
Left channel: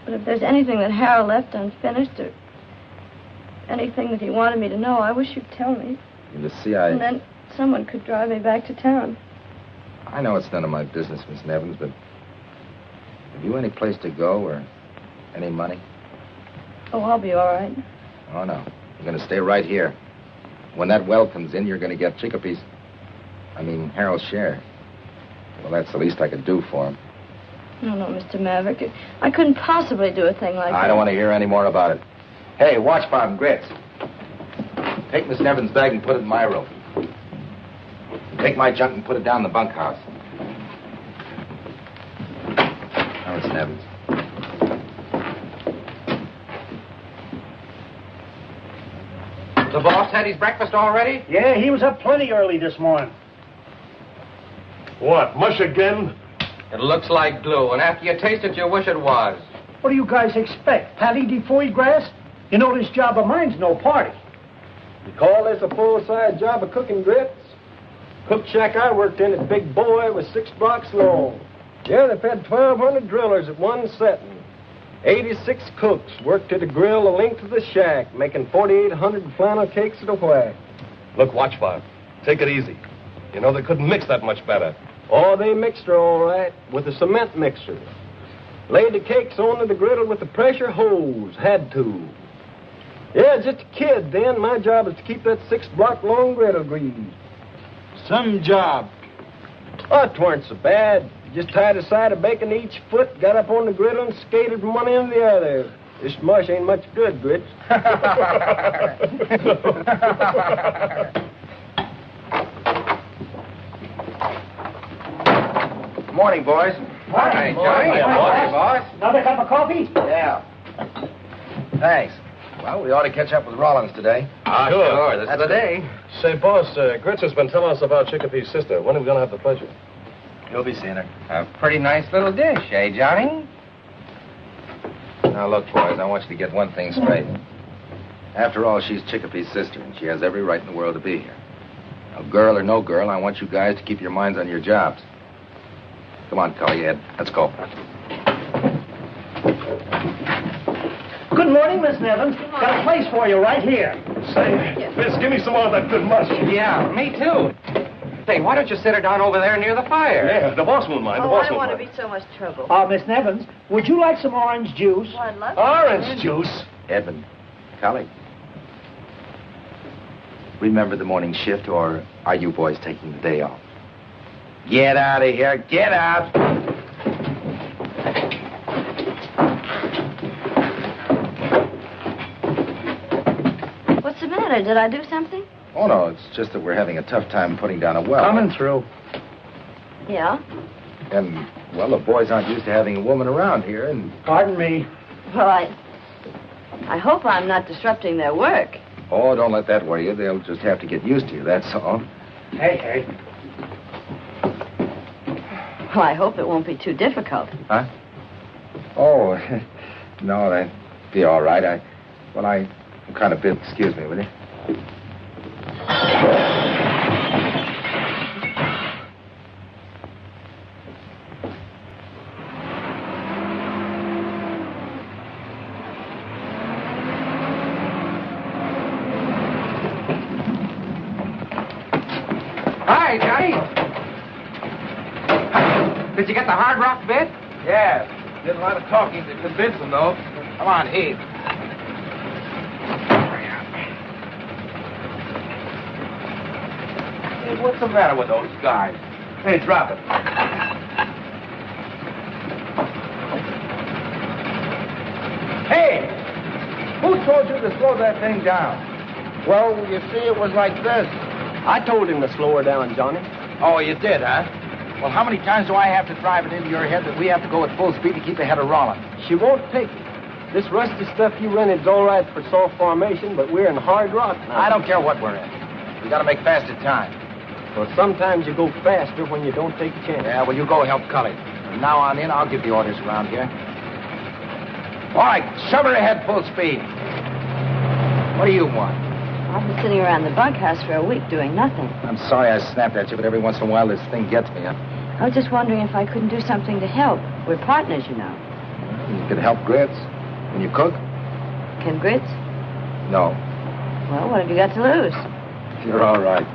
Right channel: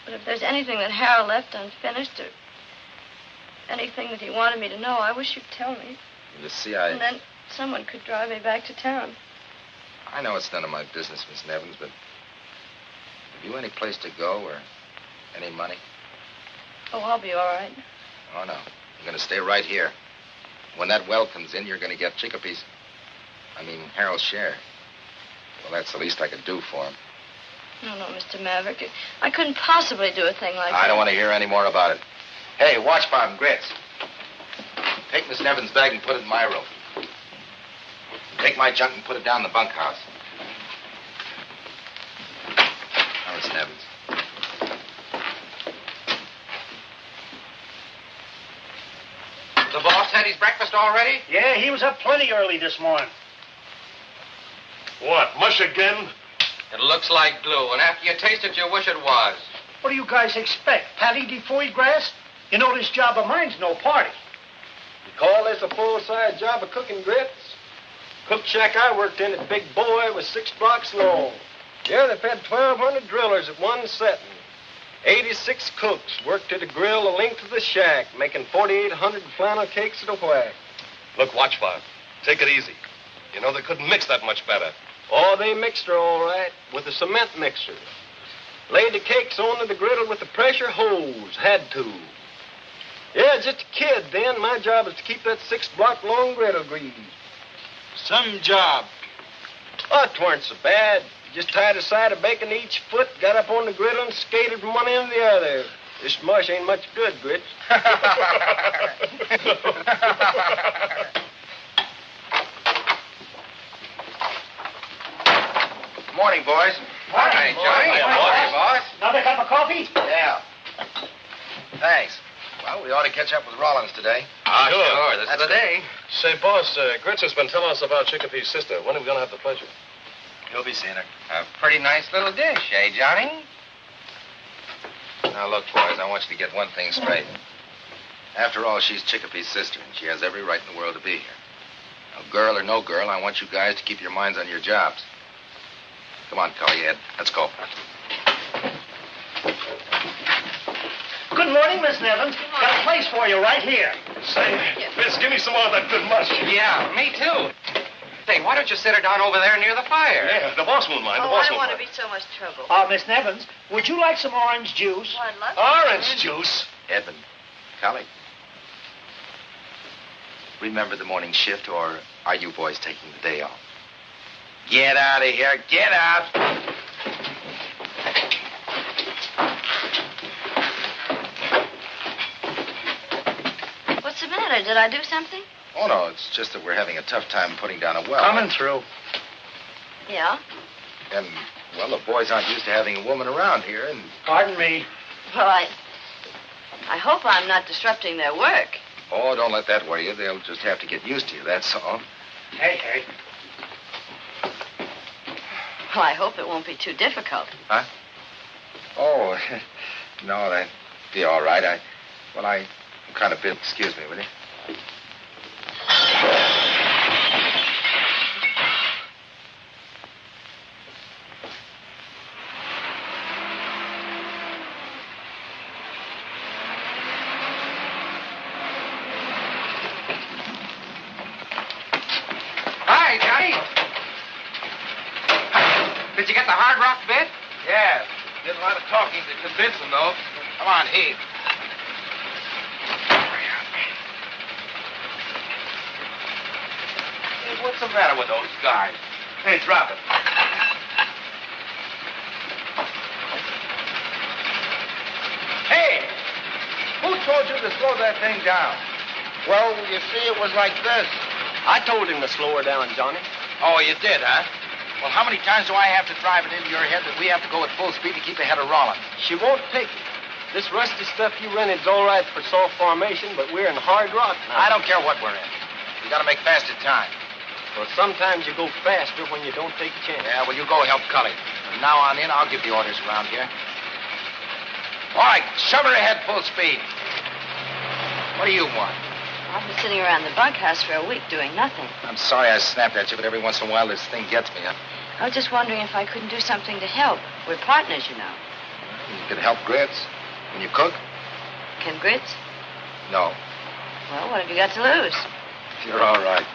if there's anything that Harold left unfinished or anything that he wanted me to know, I wish you'd tell me. You see, And then someone could drive me back to town. I know it's none of my business, Miss Nevins, but have you any place to go or any money? Oh, I'll be all right. Oh, no. You're going to stay right here. When that well comes in, you're going to get Chicopee's... Harold's share. Well, that's the least I could do for him. No, Mr. Maverick. I couldn't possibly do a thing like that. I don't want to hear any more about it. Hey, watch Bob Grits. Take Miss Nevins' bag and put it in my room. Take my junk and put it down in the bunkhouse. Now, Miss Nevins. The boss had his breakfast already? Yeah, he was up plenty early this morning. What, mush again? It looks like glue, and after you taste it, you wish it was. What do you guys expect? Patty de foie grass? You know this job of mine's no party. You call this a full-size job of cooking grits? Cook shack I worked in at Big Boy was 6 blocks long. Yeah, they fed 1,200 drillers at one setting. 86 cooks worked at a grill the length of the shack, making 4,800 flannel cakes at a whack. Look, watch, Bob. Take it easy. You know, they couldn't mix that much better. Oh, they mixed her all right with a cement mixer. Laid the cakes onto the griddle with a pressure hose. Had to. Yeah, just a kid then. My job is to keep that 6-block-long griddle greased. Some job. Oh, it weren't so bad. Just tied a side of bacon to each foot, got up on the griddle, and skated from one end to the other. This mush ain't much good, Grits. Good morning, boys. Morning, Johnny. Morning, boss. Another cup of coffee? Yeah. Thanks. Well, we ought to catch up with Rollins today. Ah, sure. This is the day. Say, boss, Grits has been telling us about Chicopee's sister. When are we going to have the pleasure? You'll be seeing her. A pretty nice little dish, eh, Johnny? Now, look, boys, I want you to get one thing straight. After all, she's Chicopee's sister, and she has every right in the world to be here. Now, girl or no girl, I want you guys to keep your minds on your jobs. Come on, Cully, Ed. Let's go. Good morning, Miss Nevins. Got a place for you right here. Say, Vince, give me some more of that good mush. Yeah, me too. Say, why don't you sit her down over there near the fire? Yeah, the boss won't mind. The boss I don't won't want to mind. be so much trouble. Miss Nevins, would you like some orange juice? Well, I'd love Orange juice? Edmund, Cully. Remember the morning shift, or are you boys taking the day off? Get out of here. Get out. What's the matter? Did I do something? Oh, no, it's just that we're having a tough time putting down a well. Coming through. Yeah? And, well, the boys aren't used to having a woman around here, and... Pardon me. Well, I hope I'm not disrupting their work. Oh, don't let that worry you. They'll just have to get used to you, that's all. Hey. Well, I hope it won't be too difficult. Huh? Oh, no, that'd be all right. I'm kind of busy. Excuse me, will you? talking to convince them, though. Come on, heave. Hey, what's the matter with those guys? Hey, drop it. Hey! Who told you to slow that thing down? Well, you see, it was like this. I told him to slow her down, Johnny. Oh, you did, huh? Well, how many times do I have to drive it into your head that we have to go at full speed to keep ahead of Rollins? She won't take it. This rusty stuff you rented's all right for soft formation, but we're in hard rock now. I don't care what we're in. We gotta make faster time. Well, sometimes you go faster when you don't take a chance. Yeah, well, you go help Cully. From now on in, I'll give the orders around here. All right, shove her ahead full speed. What do you want? I've been sitting around the bunkhouse for a week doing nothing. I'm sorry I snapped at you, but every once in a while this thing gets me. I was just wondering if I couldn't do something to help. We're partners, you know. You can help Grits. Can you cook? Can Grits? No. Well, what have you got to lose? You're all right.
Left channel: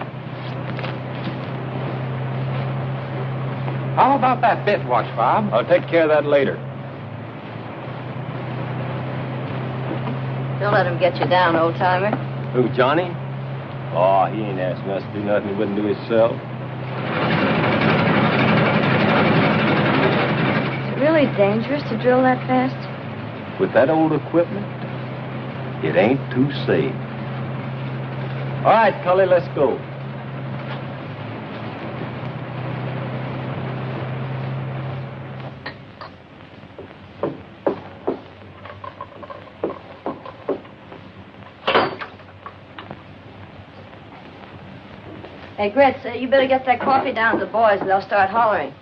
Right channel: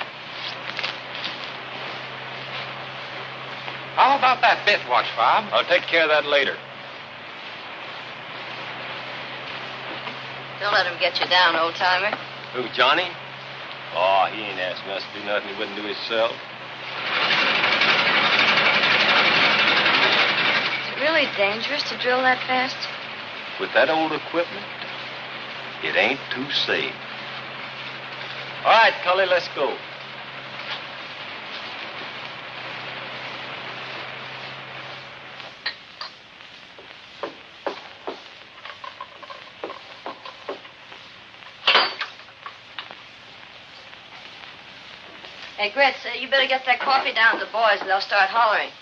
How about that bit watch, Bob? I'll take care of that later. Don't let him get you down, old-timer. Who, Johnny? Oh, he ain't asking us to do nothing he wouldn't do himself. Is it really dangerous to drill that fast? With that old equipment, it ain't too safe. All right, Cully, let's go. Hey, Grits, you better get that coffee down to the boys, and they'll start hollering.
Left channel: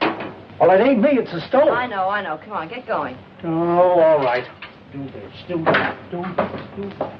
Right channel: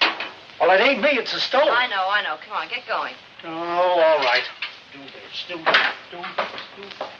Well, it ain't me, it's the stove. I know. Come on, get going. Oh, all right. Do this, do that, do this, do that.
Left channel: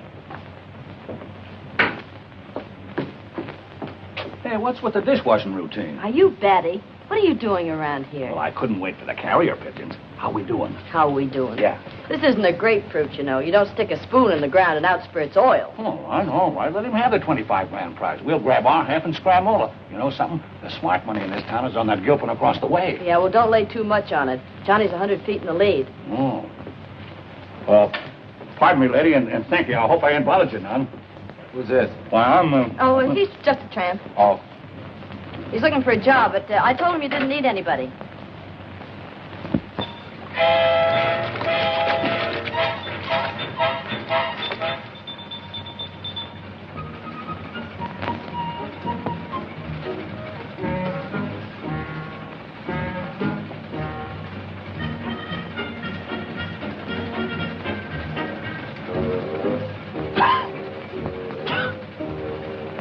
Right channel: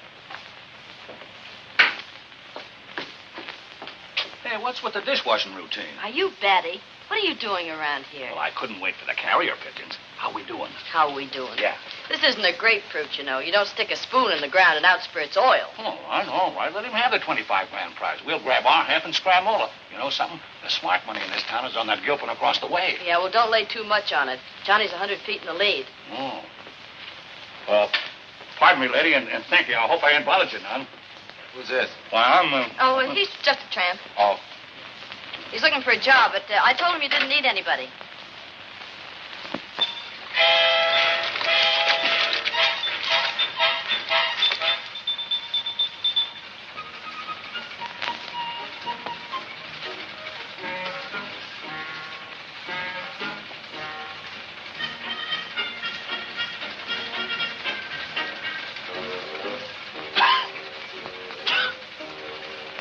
Hey, what's with the dishwashing routine? Are you Betty? What are you doing around here? Well, I couldn't wait for the carrier pigeons. How we doing? How we doing? Yeah. This isn't a grapefruit, you know. You don't stick a spoon in the ground and out spurts oil. Oh, I know. All right, let him have the 25 grand prize. We'll grab our half and scram over. You know something? The smart money in this town is on that Gilpin across the way. Yeah, well, don't lay too much on it. Johnny's 100 feet in the lead. Oh. Well, pardon me, lady, and thank you. I hope I ain't bothered you none. Who's this? Why, I'm, Oh, well, he's just a tramp. Oh. He's looking for a job, but I told him you didn't need anybody.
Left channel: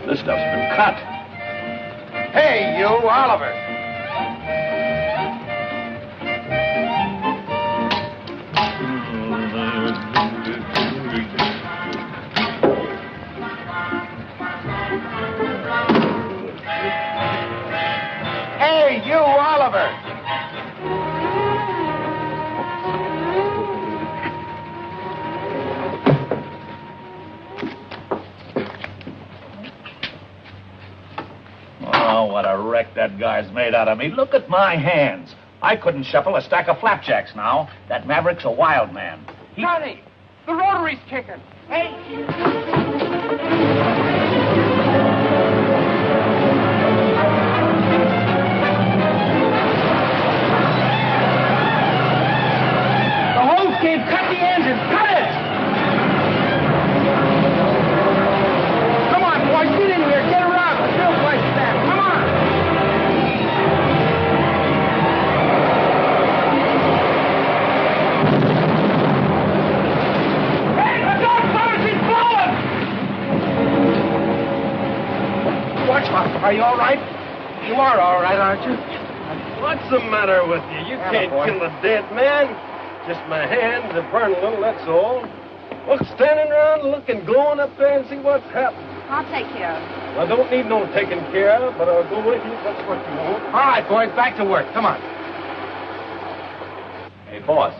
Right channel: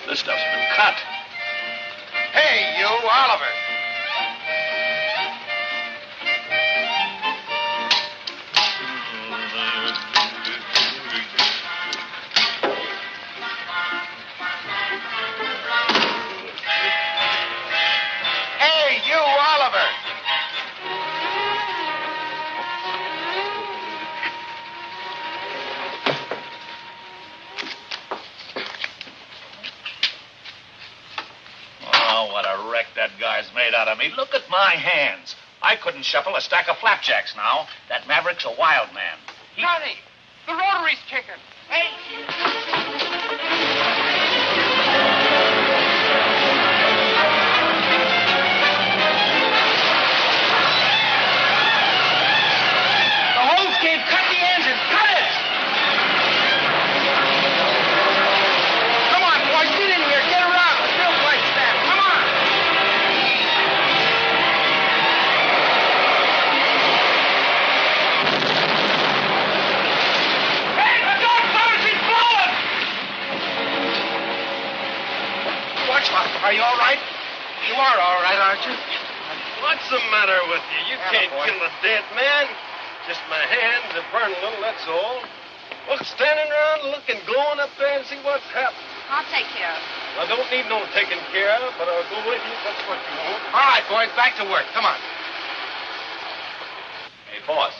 This stuff's been cut. Hey, you, Oliver. Hey, you, Oliver. Oh, what a wreck that guy's made out of me. Look at my hands. I couldn't shuffle a stack of flapjacks now. That Maverick's a wild man. Johnny, the rotary's kicking. The hose gave cut the engine. Cut it! Come on, boys, get in here. Get around. The fuel pipes down. Come on. Hey, look out, fellas, he's blowing! Watch, are you all right? You are all right, aren't you? What's the matter with you? You can't kill a dead man. Just my hands are burning a little, that's all. Well, standing around looking, going up there and see what's happening. I'll take care of him. I don't need no taking care of, but I'll go with you if that's what you want. All right, boys, back to work. Come on. Hey, boss.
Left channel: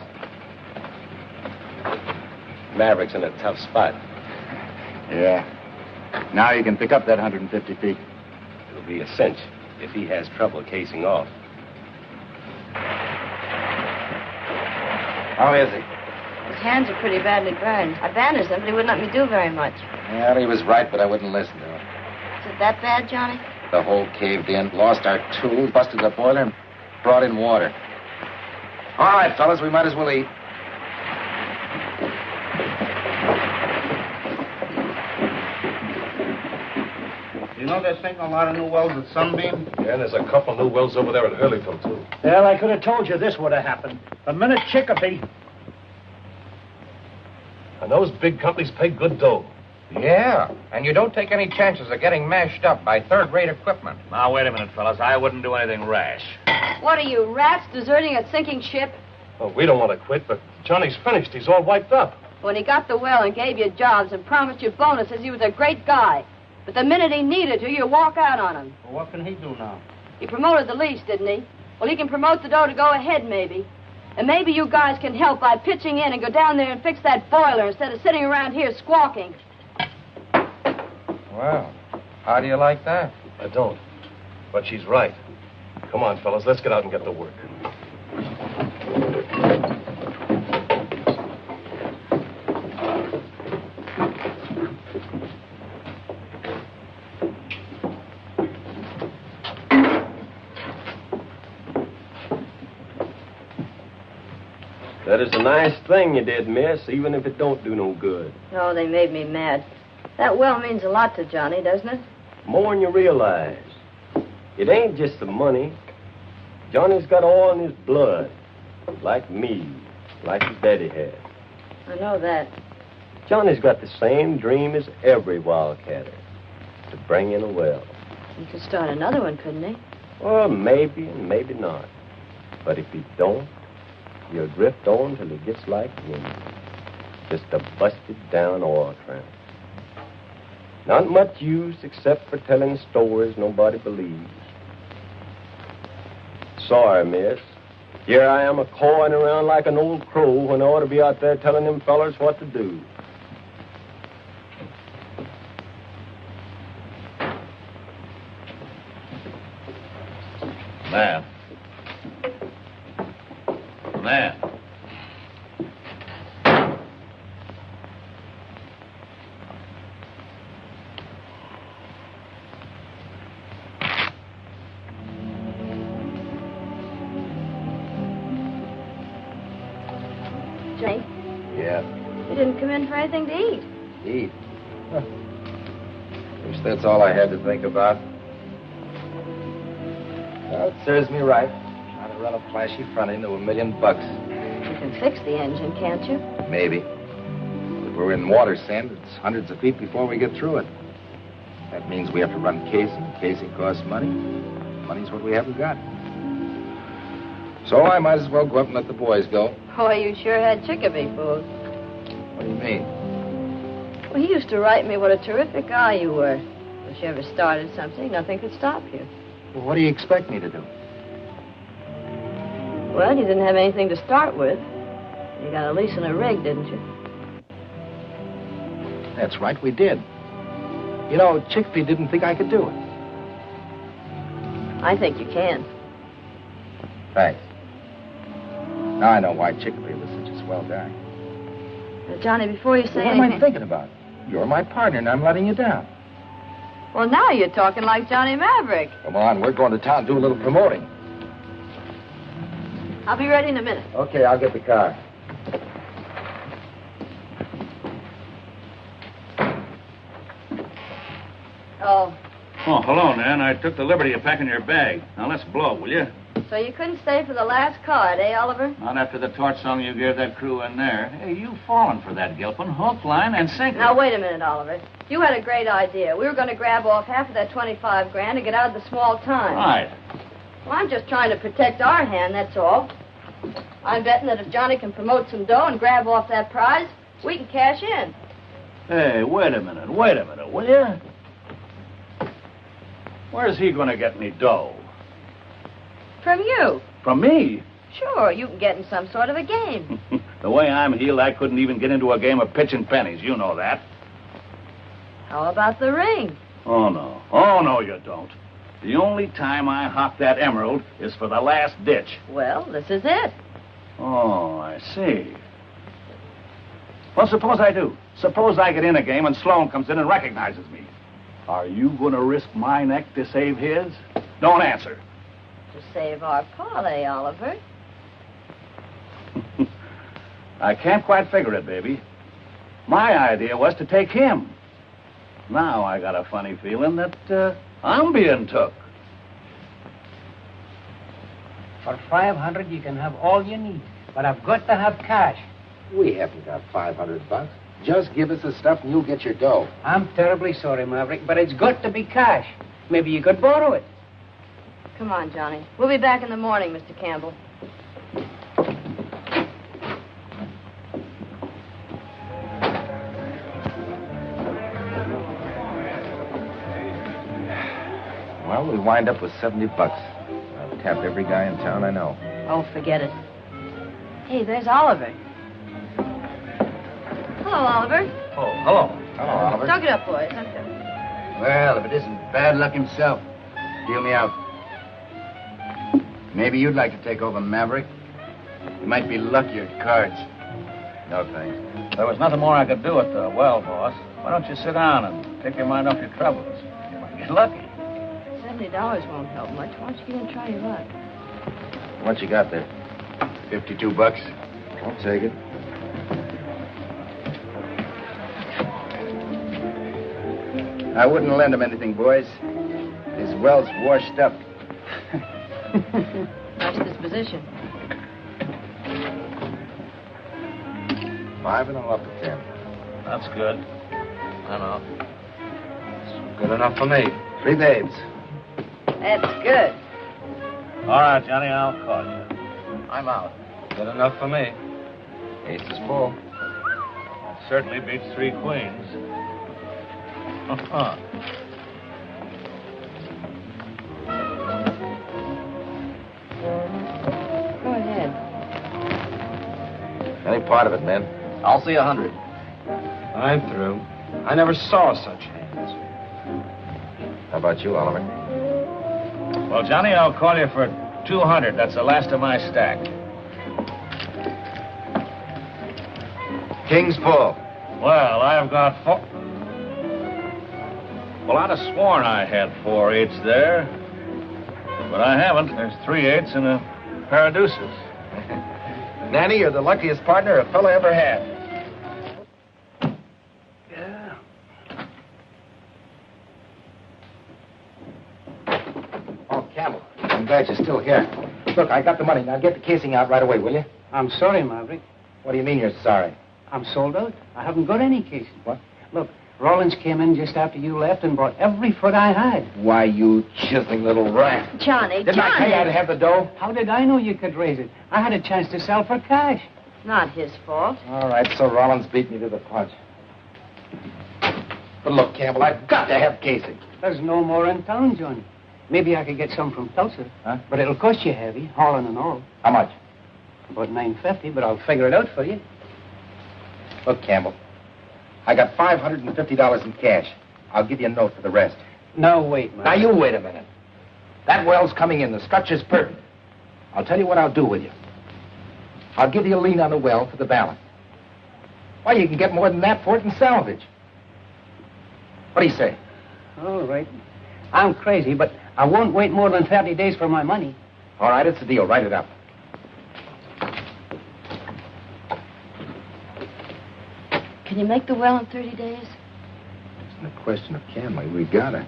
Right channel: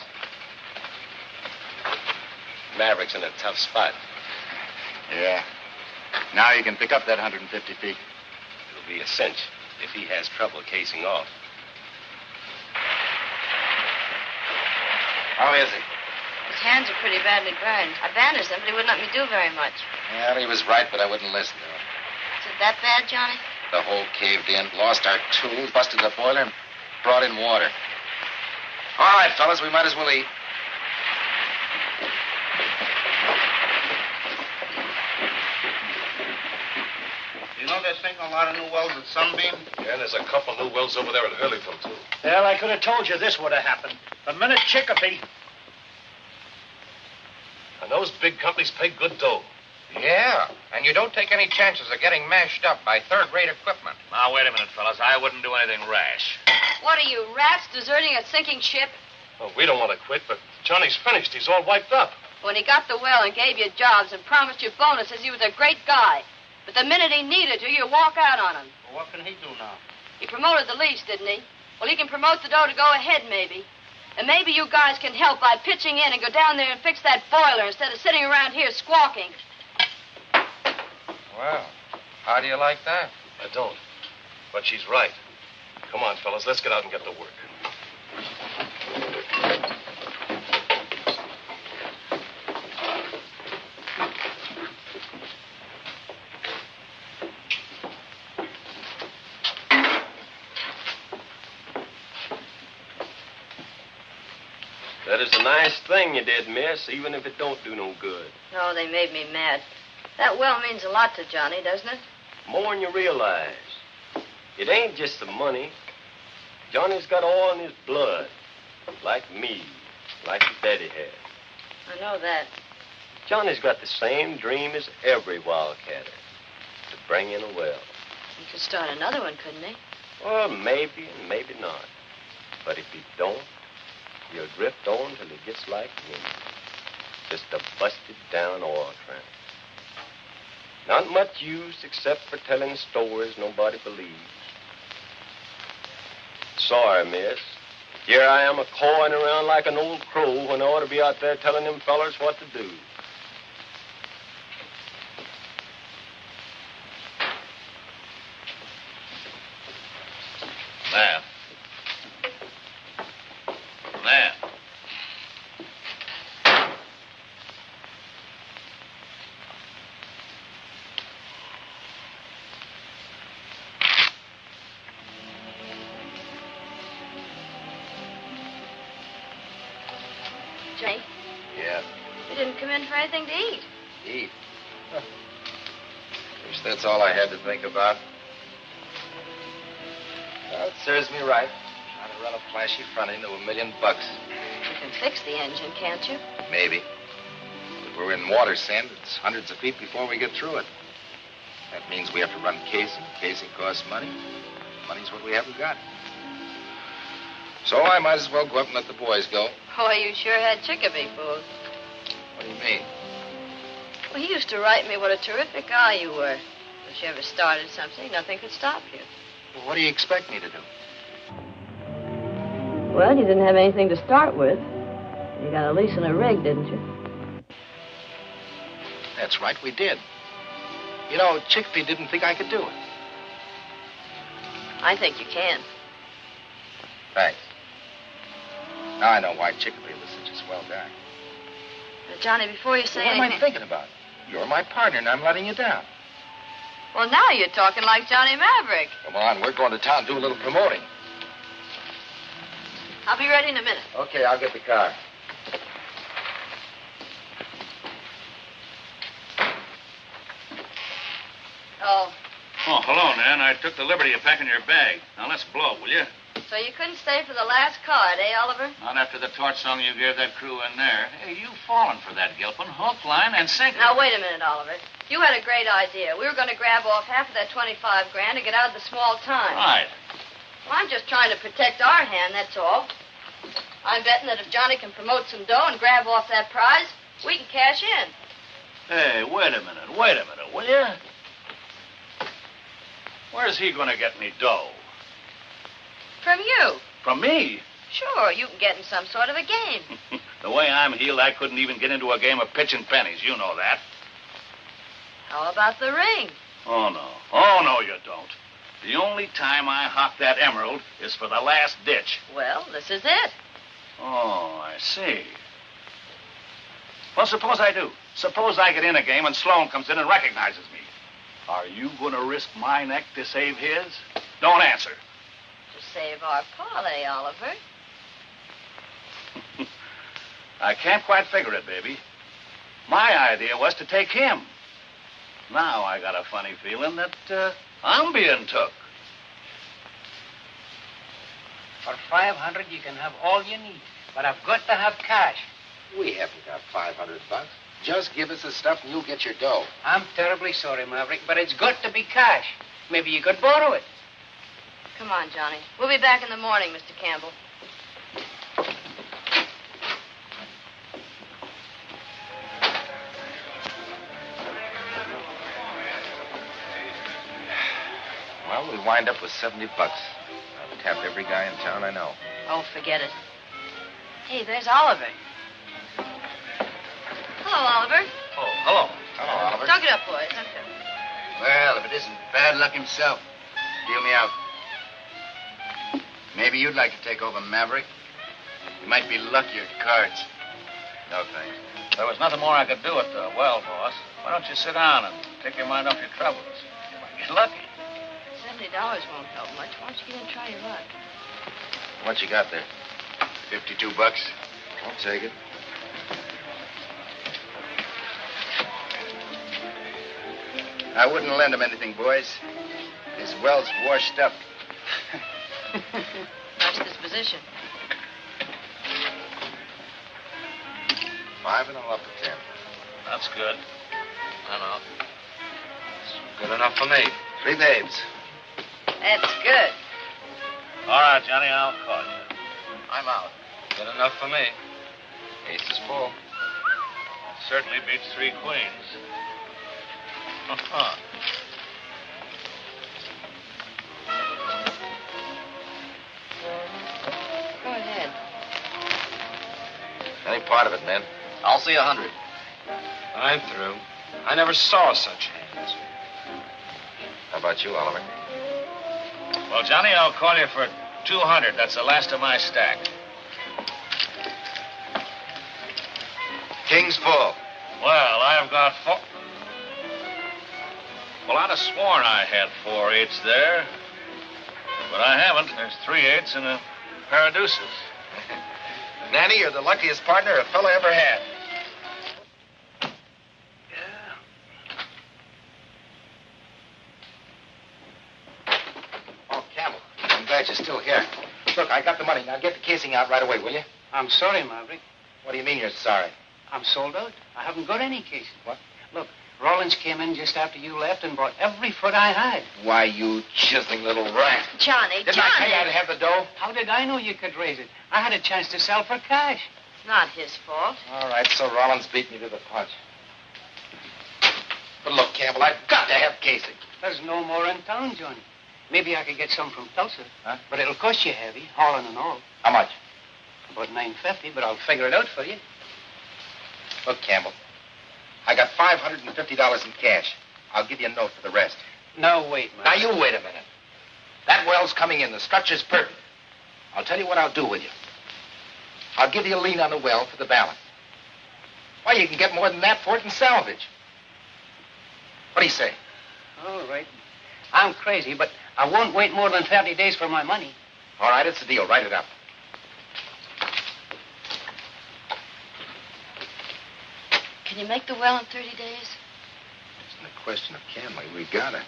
Maverick's in a tough spot. Yeah. Now you can pick up that 150 feet. It'll be a cinch if he has trouble casing off. How is he? His hands are pretty badly burned. I bandaged them, but he wouldn't let me do very much. Well, he was right, but I wouldn't listen to him. Is it that bad, Johnny? The hole caved in, lost our tools, busted the boiler, and brought in water. All right, fellas, we might as well eat. You know they're sinking a lot of new wells at Sunbeam? Yeah, and there's a couple new wells over there at Hurleyville, too. Well, I could have told you this would have happened. A minute Chicopee. And those big companies pay good dough. Yeah, and you don't take any chances of getting mashed up by third-rate equipment. Now, wait a minute, fellas. I wouldn't do anything rash. What are you, rats, deserting a sinking ship? Well, we don't want to quit, but Johnny's finished. He's all wiped up. When he got the well and gave you jobs and promised you bonuses, he was a great guy. But the minute he needed you, you walk out on him. Well, what can he do now? He promoted the lease, didn't he? Well, he can promote the dough to go ahead, maybe. And maybe you guys can help by pitching in and go down there and fix that boiler instead of sitting around here squawking. Well, how do you like that? I don't. But she's right. Come on, fellas, let's get out and get to work. That is a nice thing you did, miss, even if it don't do no good. Oh, they made me mad. That well means a lot to Johnny, doesn't it? More than you realize. It ain't just the money. Johnny's got oil in his blood. Like me. Like his daddy had. I know that. Johnny's got the same dream as every wildcatter. To bring in a well. He could start another one, couldn't he? Well, maybe and maybe not. But if he don't, he'll drift on till he gets like me. Just a busted down oil tramp. Not much use except for telling stories nobody believes. Sorry, miss. Here I am a-cawing around like an old crow when I ought to be out there telling them fellers what to do. Now. Now. Johnny, Yeah. you didn't come in for anything to eat. Eat. Huh. Wish that's all I had to think about. Well, it serves me right. Trying to run a flashy front end to $1 million. You can fix the engine, can't you? Maybe. If we're in water sand, it's hundreds of feet before we get through it. That means we have to run casing. Casing costs money. Money's what we haven't got. So I might as well go up and let the boys go. Boy, you sure had Chicopee fooled. What do you mean? Well, he used to write me what a terrific guy you were. If you ever started something, nothing could stop you. Well, what do you expect me to do? Well, you didn't have anything to start with. You got a lease and a rig, didn't you? That's right, we did. You know, Chicopee didn't think I could do it. I think you can. Thanks. Now I know why Chicopee was such a swell guy. Now, Johnny, before you say What am I anything... thinking about? You're my partner, and I'm letting you down. Well, now you're talking like Johnny Maverick. Come on, we're going to town to do a little promoting. I'll be ready in a minute. Okay, I'll get the car. Oh, Oh, hello, Nan. I took the liberty of packing your bag. Now, let's blow, will you? so you couldn't stay for the last card, eh, Oliver? Not after the torch song you gave that crew in there. Hey, you've fallen for that, Gilpin. Hook, line, and sinker. Now, wait a minute, Oliver. You had a great idea. We were going to grab off half of that 25 grand and get out of the small time. Right. Well, I'm just trying to protect our hand, that's all. I'm betting that if Johnny can promote some dough and grab off that prize, we can cash in. Hey, wait a minute, will you? Where's he going to get any dough? From you. From me? Sure, you can get in some sort of a game. The way I'm heeled, I couldn't even get into a game of pitching pennies. You know that. How about the ring? Oh, no. Oh, no, you don't. The only time I hock that emerald is for the last ditch. Well, this is it. Oh, I see. Well, suppose I do. Suppose I get in a game and Sloan comes in and recognizes me. Are you going to risk my neck to save his? Don't answer. To save our parlay, Oliver. I can't quite figure it, baby. My idea was to take him. Now I got a funny feeling that I'm being took. For 500, you can have all you need. But I've got to have cash. We haven't got $500. Just give us the stuff and you'll get your dough. I'm terribly sorry, Maverick, but it's got to be cash. Maybe you could borrow it. Come on, Johnny. We'll be back in the morning, Mr. Campbell. Well, we'll wind up with $70. I've tapped every guy in town I know. Oh, forget it. Hey, there's Oliver. Hello, Oliver. Oh, hello. Hello, Oliver. Talk it up, boys. Talk it up. Well, if it isn't bad luck himself, deal me out. Maybe you'd like to take over Maverick. You might be luckier at cards. No, thanks. There was nothing more I could do at the well, boss. Why don't you sit down and take your mind off your troubles? You might be lucky. $70 won't help much. Why don't you get in and try your luck? What you got there? $52. I'll take it. I wouldn't lend him anything, boys. His well's washed up. Nice disposition. 5 and I'm up to 10. That's good. I know. It's good enough for me. 3 days. That's good. All right, Johnny, I'll call you. I'm out. Good enough for me. Ace is full. That certainly beats 3 queens. Go ahead. Any part of it, man. I'll see 100. I'm through. I never saw such hands. How about you, Oliver? Well, Johnny, I'll call you for 200. That's the last of my stack. King's full. Well, I've got 4. Well, I'd have sworn I had 4 8s there. But I haven't. There's 3 8s and a pair of deuces. Nanny, you're the luckiest partner a fellow ever had. Oh, Campbell, I'm glad you're still here. Look, I got the money. Now get the casing out right away, will you? I'm sorry, Maverick. What do you mean you're sorry? I'm sold out. I haven't got any cases. What? Look, Rollins came in just after you left and bought every foot I had. Why, you chiseling little rat. Johnny, Didn't I tell you I'd have the dough? How did I know you could raise it? I had a chance to sell for cash. It's not his fault. All right, so Rollins beat me to the punch. But look, Campbell, I've got to have casing. There's no more in town, Johnny. Maybe I could get some from Tulsa. Huh? But it'll cost you heavy, hauling and all. How much? About $9.50, but I'll figure it out for you. Look, Campbell, I got $550 in cash. I'll give you a note for the rest. No, wait, man. Now, you wait a minute. That well's coming in. The structure's perfect. I'll tell you what I'll do with you. I'll give you a lien on the well for the balance. Why, you can get more than that for it in salvage. What do you say? All right. I'm crazy, but I won't wait more than 30 days for my money. All right, it's a deal. Write it up. Can you make the well in 30 days? It's not a question of can we. We got it.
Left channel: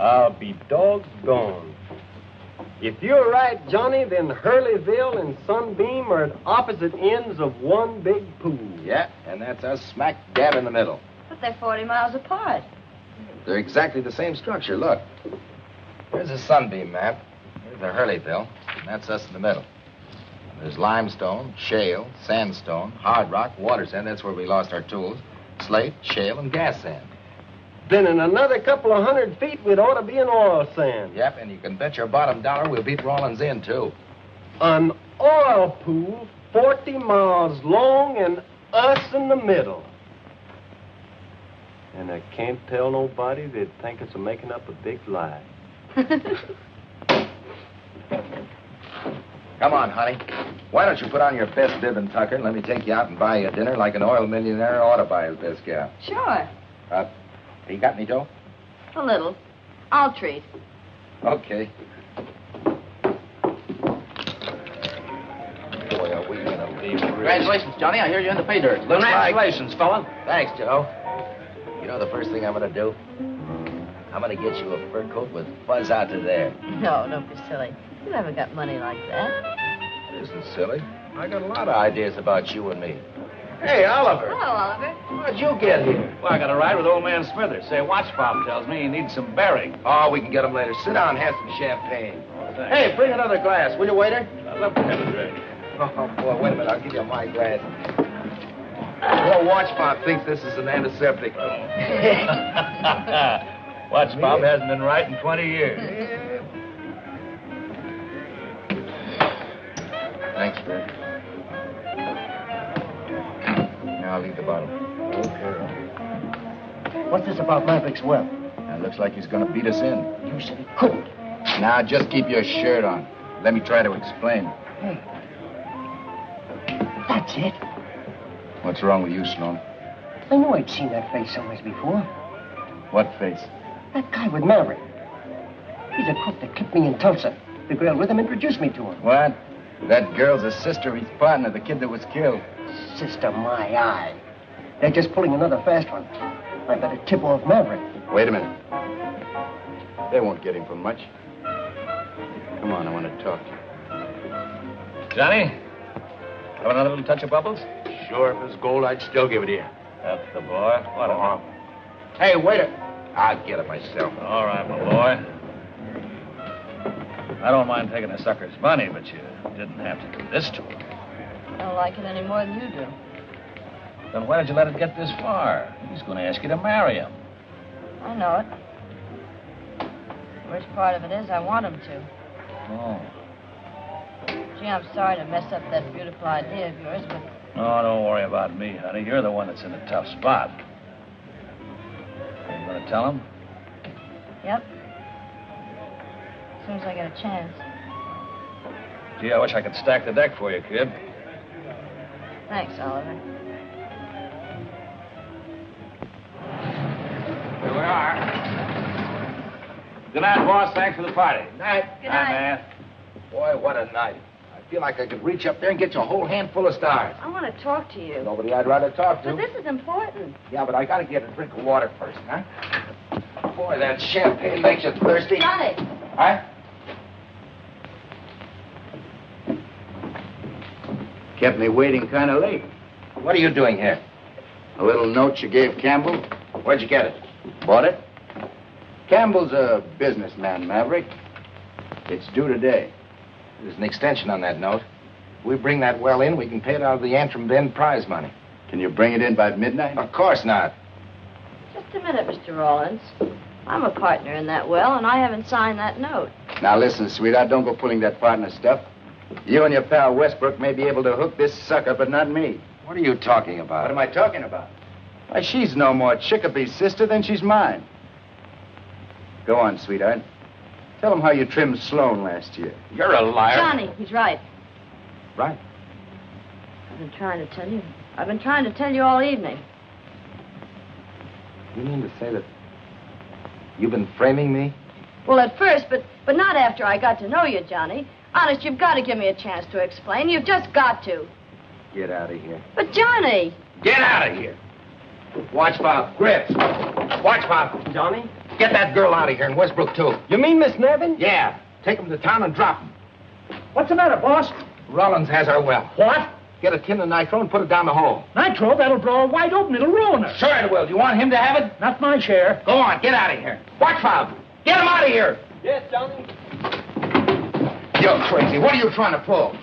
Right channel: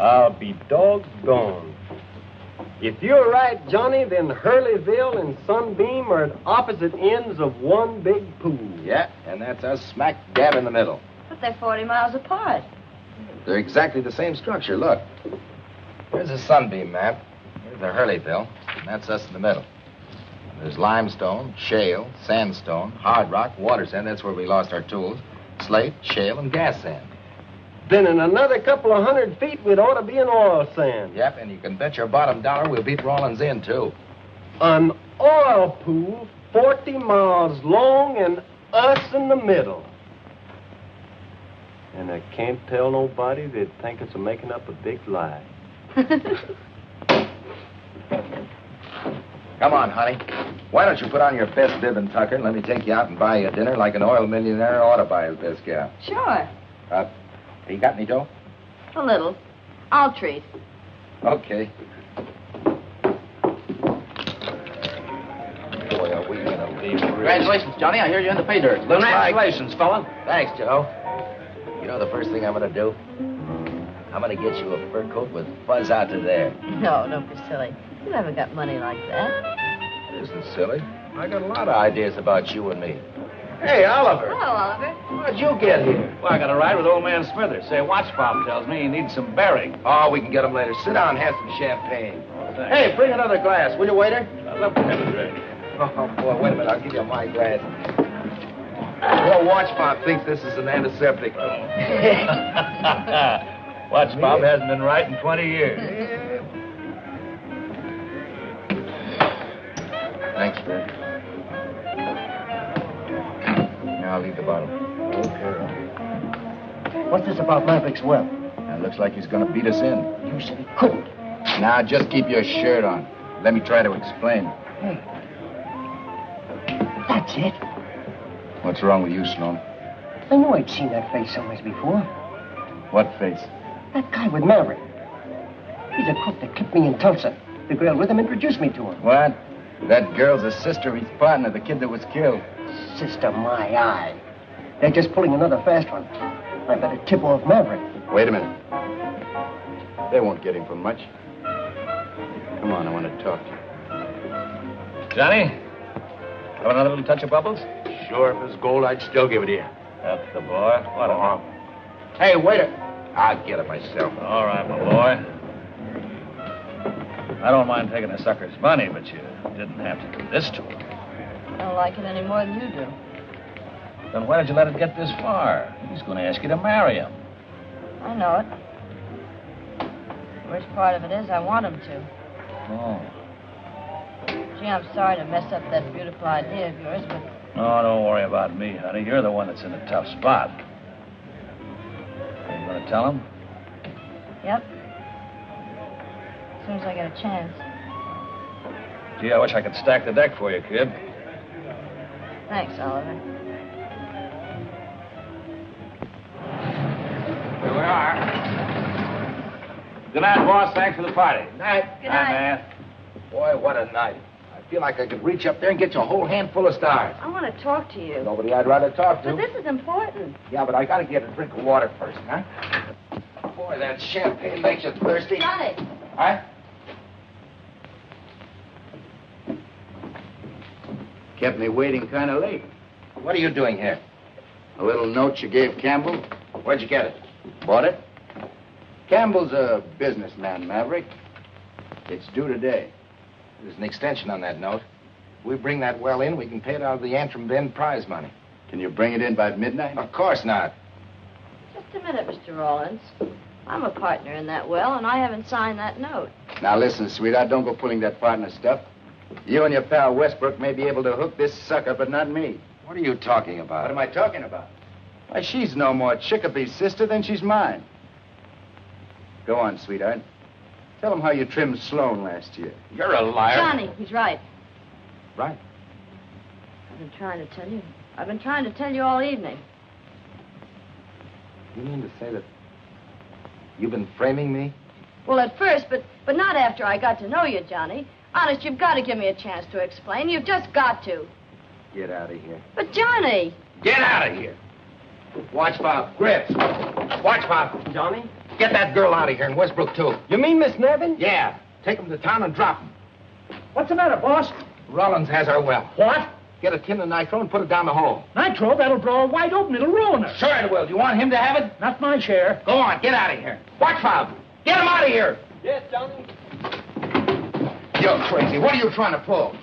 I'll be doggone. If you're right, Johnny, then Hurleyville and Sunbeam are at opposite ends of one big pool. Yeah, and that's us smack dab in the middle. But they're 40 miles apart. They're exactly the same structure. Look. Here's a Sunbeam map. Here's the Hurleyville, and that's us in the middle. There's limestone, shale, sandstone, hard rock, water sand. That's where we lost our tools. Slate, shale, and gas sand. Then in another couple of 100 feet, we'd ought to be in oil sand. Yep, and you can bet your bottom dollar we'll beat Rawlins in, too. An oil pool 40 miles long and us in the middle. And I can't tell nobody. They'd think it's making up a big lie. Come on, honey. Why don't you put on your best bib and tucker and let me take you out and buy you dinner like an oil millionaire ought to buy his best gal. Sure. You got any dough? A little. I'll treat. Okay. Boy, are we gonna be... Congratulations, Johnny. I hear you're in the pay dirt. Congratulations, fella. Thanks, Joe. You know the first thing I'm gonna do? I'm gonna get you a fur coat with fuzz out to there. No, don't be silly. You haven't got money like that. It isn't silly. I got a lot of ideas about you and me. Hey, Oliver. Hello, Oliver. How'd you get here? Well, I got a ride with old man Smithers. Say, watch pop tells me he needs some bearing. Oh, we can get him later. Sit down and have some champagne. Oh, thanks. Hey, bring another glass, will you, waiter? I'd love to have a drink. Oh, boy, wait a minute. I'll give you my glass. Your watch pop thinks this is an antiseptic. Watch pop hasn't been right in 20 years. Thanks, Fred. Now I'll leave the bottle. Okay. What's this about Maverick's well? It looks like he's going to beat us in. You said he couldn't. Now, just keep your shirt on. Let me try to explain. Hey. That's it. What's wrong with you, Sloan? I knew I'd seen that face somewhere before. What face? That guy with Maverick. He's a cook that kept me in Tulsa. The girl with him introduced me to him. What? That girl's a sister of his partner, the kid that was killed. Sister, my eye. They're just pulling another fast one. I better tip off Maverick. Wait a minute. They won't get him for much. Come on, I want to talk to you. Johnny, have another little touch of bubbles? Sure, if it was gold, I'd still give it to you. That's the boy. What a... Hey, waiter. I'll get it myself. All right, my boy. I don't mind taking a sucker's money, but you didn't have to do this to him. I don't like it any more than you do. Then why did you let it get this far? He's going to ask you to marry him. I know it. The worst part of it is I want him to. Oh. Gee, I'm sorry to mess up that beautiful idea of yours, but... Oh, don't worry about me, honey. You're the one that's in a tough spot. You going to tell him? Yep. As soon as I get a chance. Gee, I wish I could stack the deck for you, kid. Thanks, Oliver. Here we are. Good night, boss. Thanks for the party. Night. Good night. man. Boy, what a night. I feel like I could reach up there and get you a whole handful of stars. I want to talk to you. Nobody I'd rather talk to. But this is important. Yeah, but I got to get a drink of water first, huh? Boy, that champagne makes you thirsty. Johnny. Huh? Kept me waiting kind of late. What are you doing here? A little note you gave Campbell. Where'd you get it? Bought it. Campbell's a businessman, Maverick. It's due today. There's an extension on that note. If we bring that well in, we can pay it out of the Antrim Bend prize money. Can you bring it in by midnight? Of course not. Just a minute, Mr. Rawlins. I'm a partner in that well, and I haven't signed that note. Now listen, sweetheart, don't go pulling that partner stuff. You and your pal Westbrook may be able to hook this sucker, but not me. What are you talking about? What am I talking about? Why, she's no more Chickapée's sister than she's mine. Go on, sweetheart. Tell him how you trimmed Sloan last year. You're a liar. Johnny, he's right. Right. I've been trying to tell you. I've been trying to tell you all evening. You mean to say that you've been framing me? Well, at first, but not after I got to know you, Johnny. Honest, you've got to give me a chance to explain. You've just got to. Get out of here. But, Johnny! Get out of here. Watch Pop. Grits. Watch Pop. Johnny? Get that girl out of here and Westbrook, too. You mean Miss Nevin? Yeah. Take him to town and drop him. What's the matter, boss? Rollins has our well. What? Get a tin of nitro and put it down the hole. Nitro? That'll blow her wide open. It'll ruin her. Sure it will. Do you want him to have it? Not my share. Go on. Get out of here. Watch Bob. Get him out of here. Yes, Johnny. You're crazy. What are you trying to pull?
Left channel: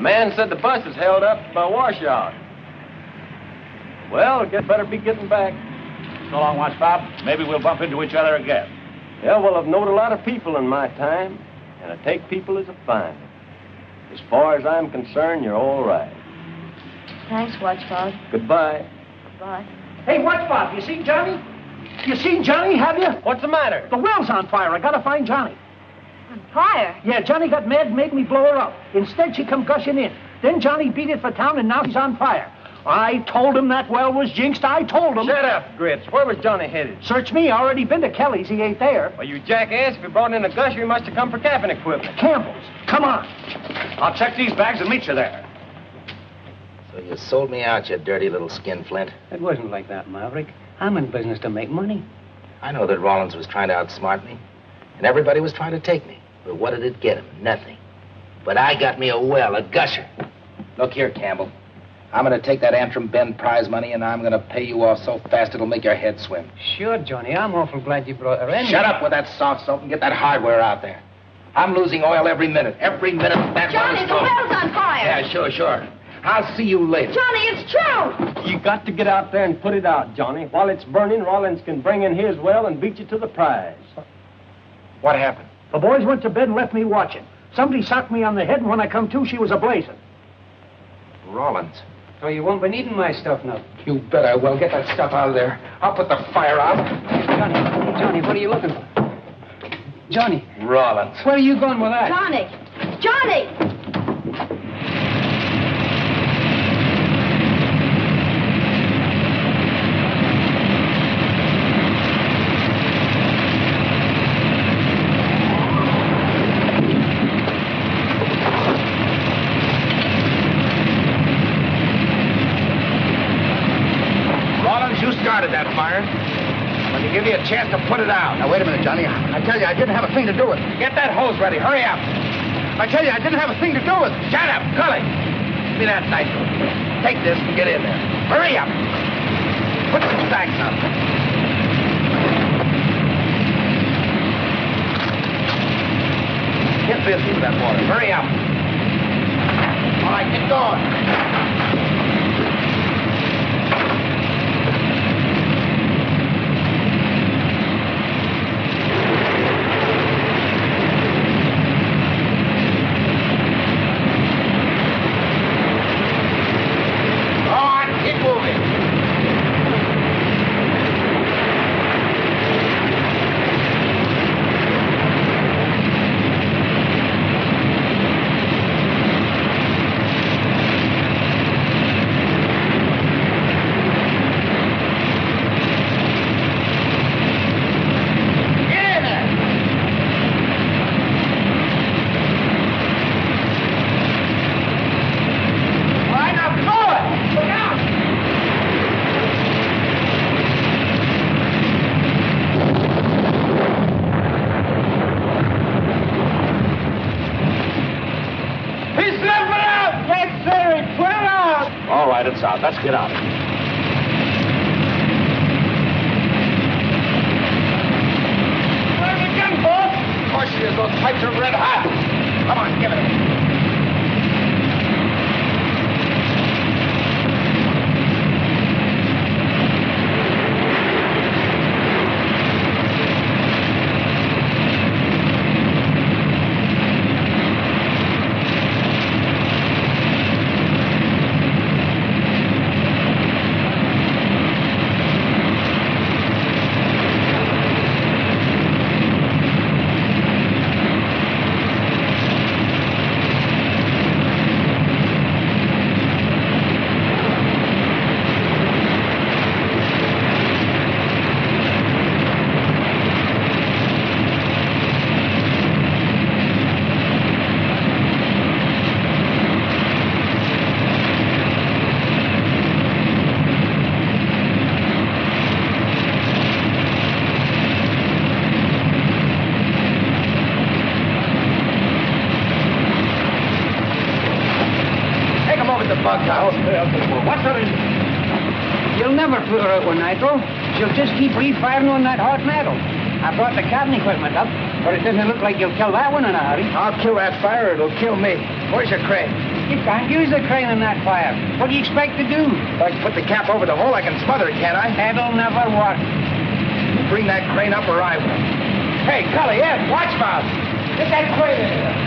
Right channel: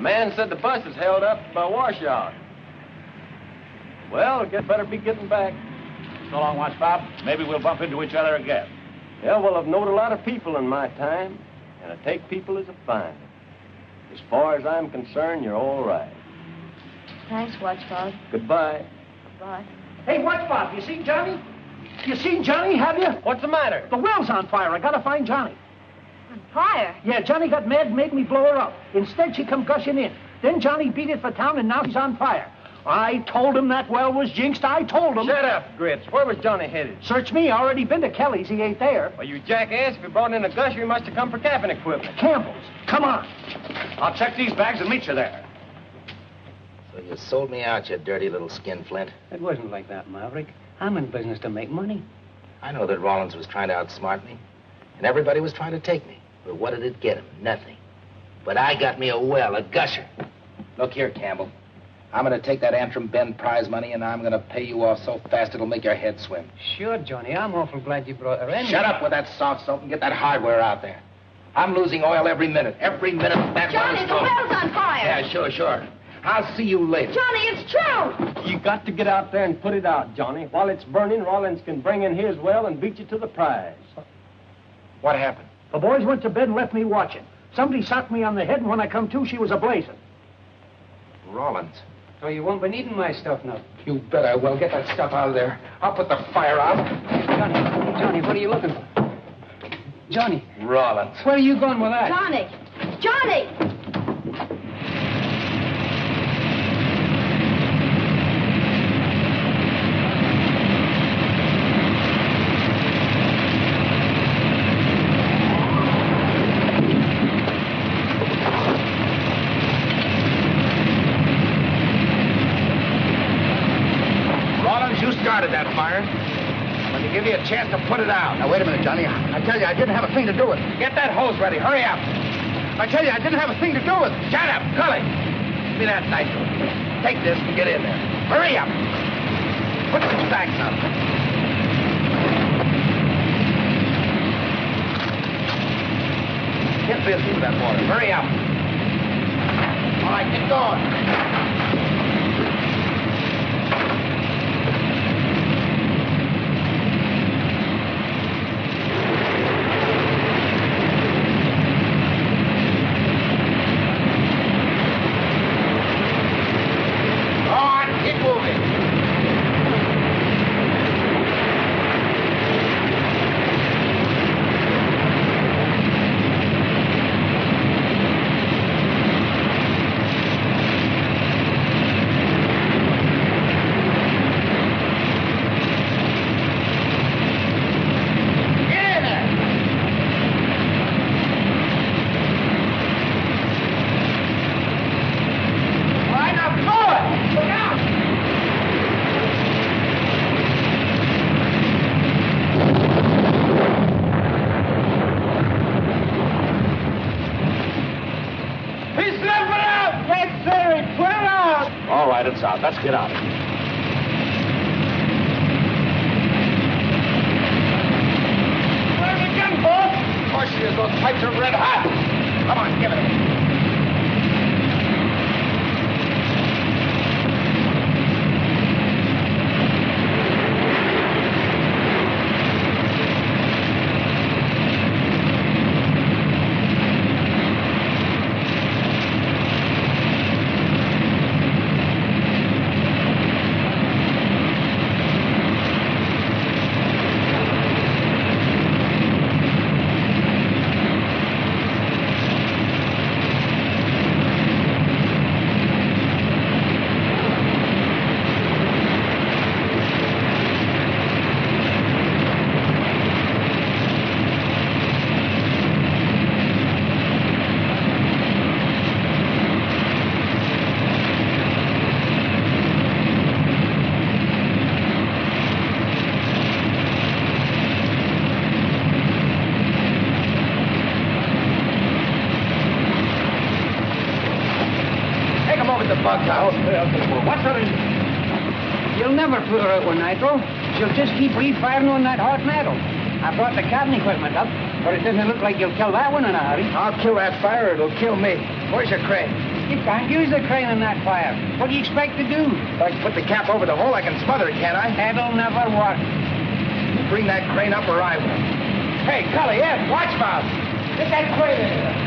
Man said the bus is held up by washout. Well, it better be getting back. So long, Watch Bob. Maybe we'll bump into each other again. Yeah, well, I've known a lot of people in my time, and I take people as a find. As far as I'm concerned, you're all right. Thanks, Watch Bob. Goodbye. Goodbye. Hey, Watch Bob, you seen Johnny? You seen Johnny, have you? What's the matter? The well's on fire. I gotta find Johnny. On fire? Yeah, Johnny got mad and made me blow her up. Instead, she come gushing in. Then Johnny beat it for town, and now he's on fire. I told him that well was jinxed. I told him. Shut up, Grits. Where was Johnny headed? Search me. I already been to Kelly's. He ain't there. Well, you jackass. If you brought in a gusher, you must have come for camping equipment. Campbell's. Come on. I'll check these bags and meet you there. So you sold me out, you dirty little skinflint. It wasn't like that, Maverick. I'm in business to make money. I know that Rollins was trying to outsmart me, and everybody was trying to take me. But what did it get him? Nothing. But I got me a well, a gusher. Look here, Campbell. I'm going to take that Antrim Bend prize money, and I'm going to pay you off so fast it'll make your head swim. Sure, Johnny. I'm awful glad you brought her in. Shut up with that soft soap and get that hardware out there. I'm losing oil every minute. Every minute that Johnny, the well's on fire. Yeah, sure. I'll see you later. Johnny, it's true. You got to get out there and put it out, Johnny. While it's burning, Rollins can bring in his well and beat you to the prize. What happened? The boys went to bed and left me watching. Somebody socked me on the head, and when I come to, she was a-blazing. Rollins. So you won't be needing my stuff now. You bet I will. Get that stuff out of there. I'll put the fire out. Johnny, what are you looking for? Johnny. Rollins. Where are you going with that? Johnny! That fire. When they give you a chance to put it out. Now, wait a minute, Johnny. I tell you, I didn't have a thing to do with it. Get that hose ready. Hurry up. I tell you, I didn't have a thing to do with it. Shut up, Gully. Give me that knife. Take this and get in there. Hurry up. Put some sacks on. Get busy with that water. Hurry up. All right, get going. right, it's out. Let's get out. Where's the gun, boss? Of course she is. Those pipes are red hot. Come on, give it to me. What's her? You'll never put her out one night, though. She'll just keep refiring on that hot metal. I brought the cabin equipment up, but it doesn't look like you'll kill that one in a hurry. I'll kill that fire, or it'll kill me. Where's your crane? You can't use the crane in that fire. What do you expect to do? If I put the cap over the hole, I can smother it, can't I? That'll never work. You bring that crane up or I will. Hey, Cully, Ed, watchmouth. Get that crane in here.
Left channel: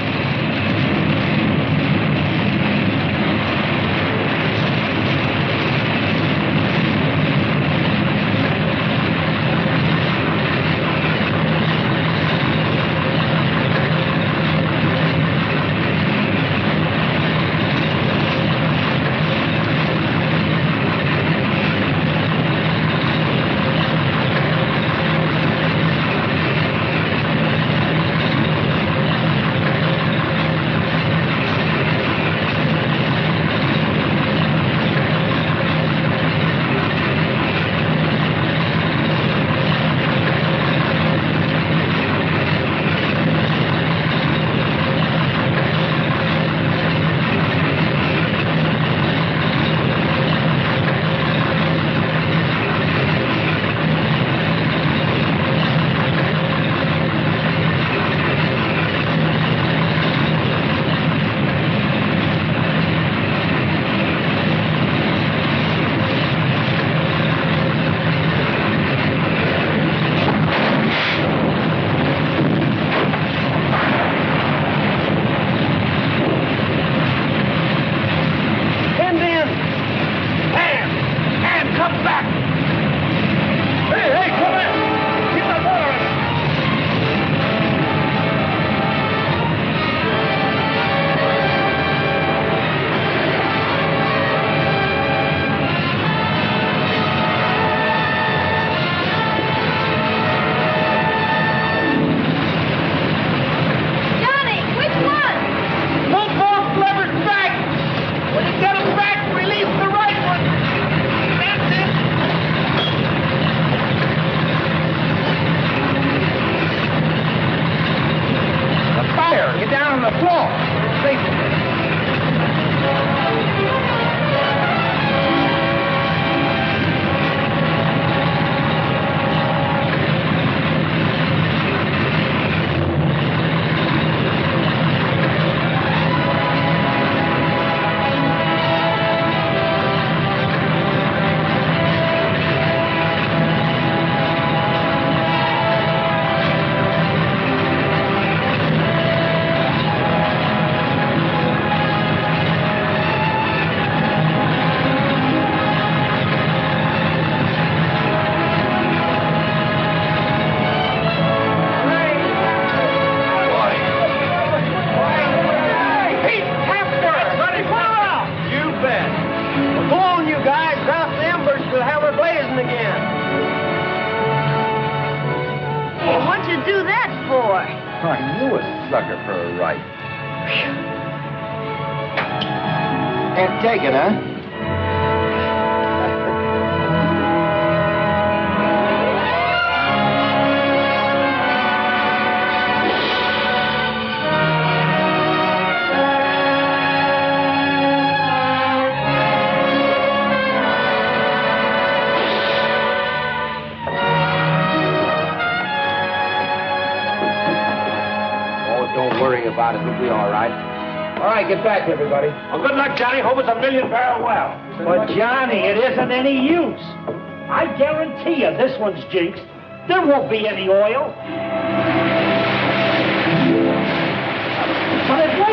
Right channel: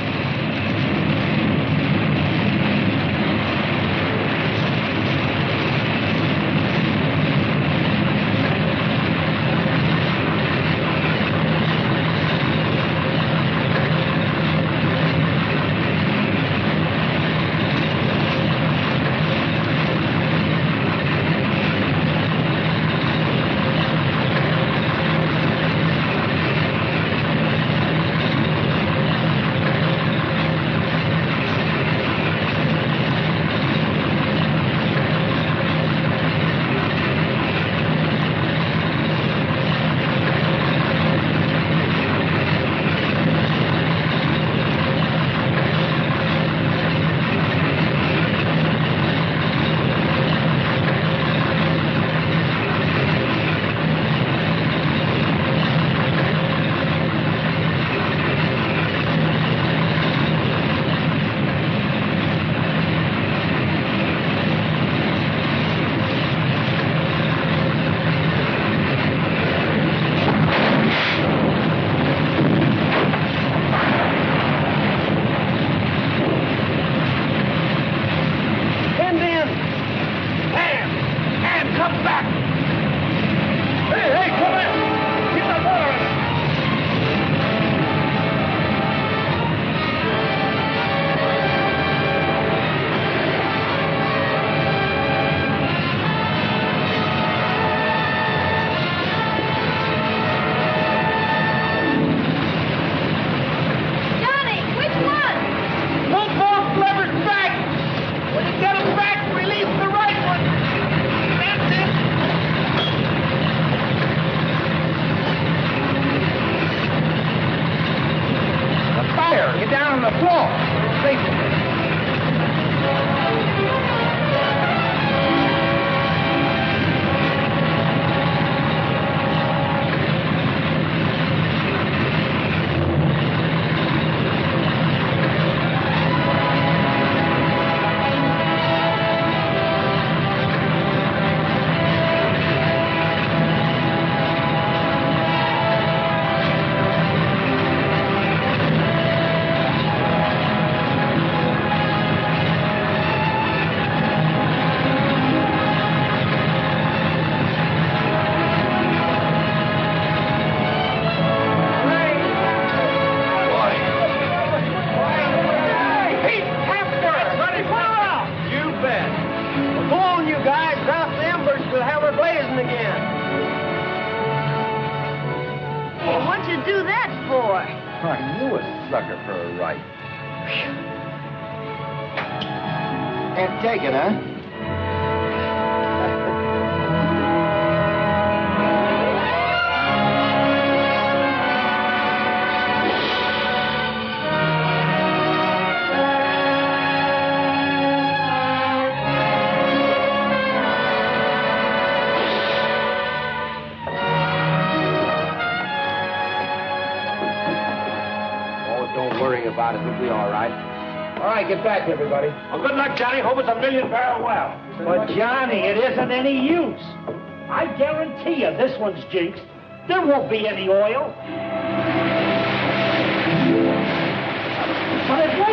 Sucker for a right. Can't take it, huh? about it. We'll be all right. All right, get back, everybody. Well, good luck, Johnny. Hope it's a 1,000,000-barrel well. But, Johnny, it isn't any use. I guarantee you this one's jinxed. There won't be any oil. But it won't.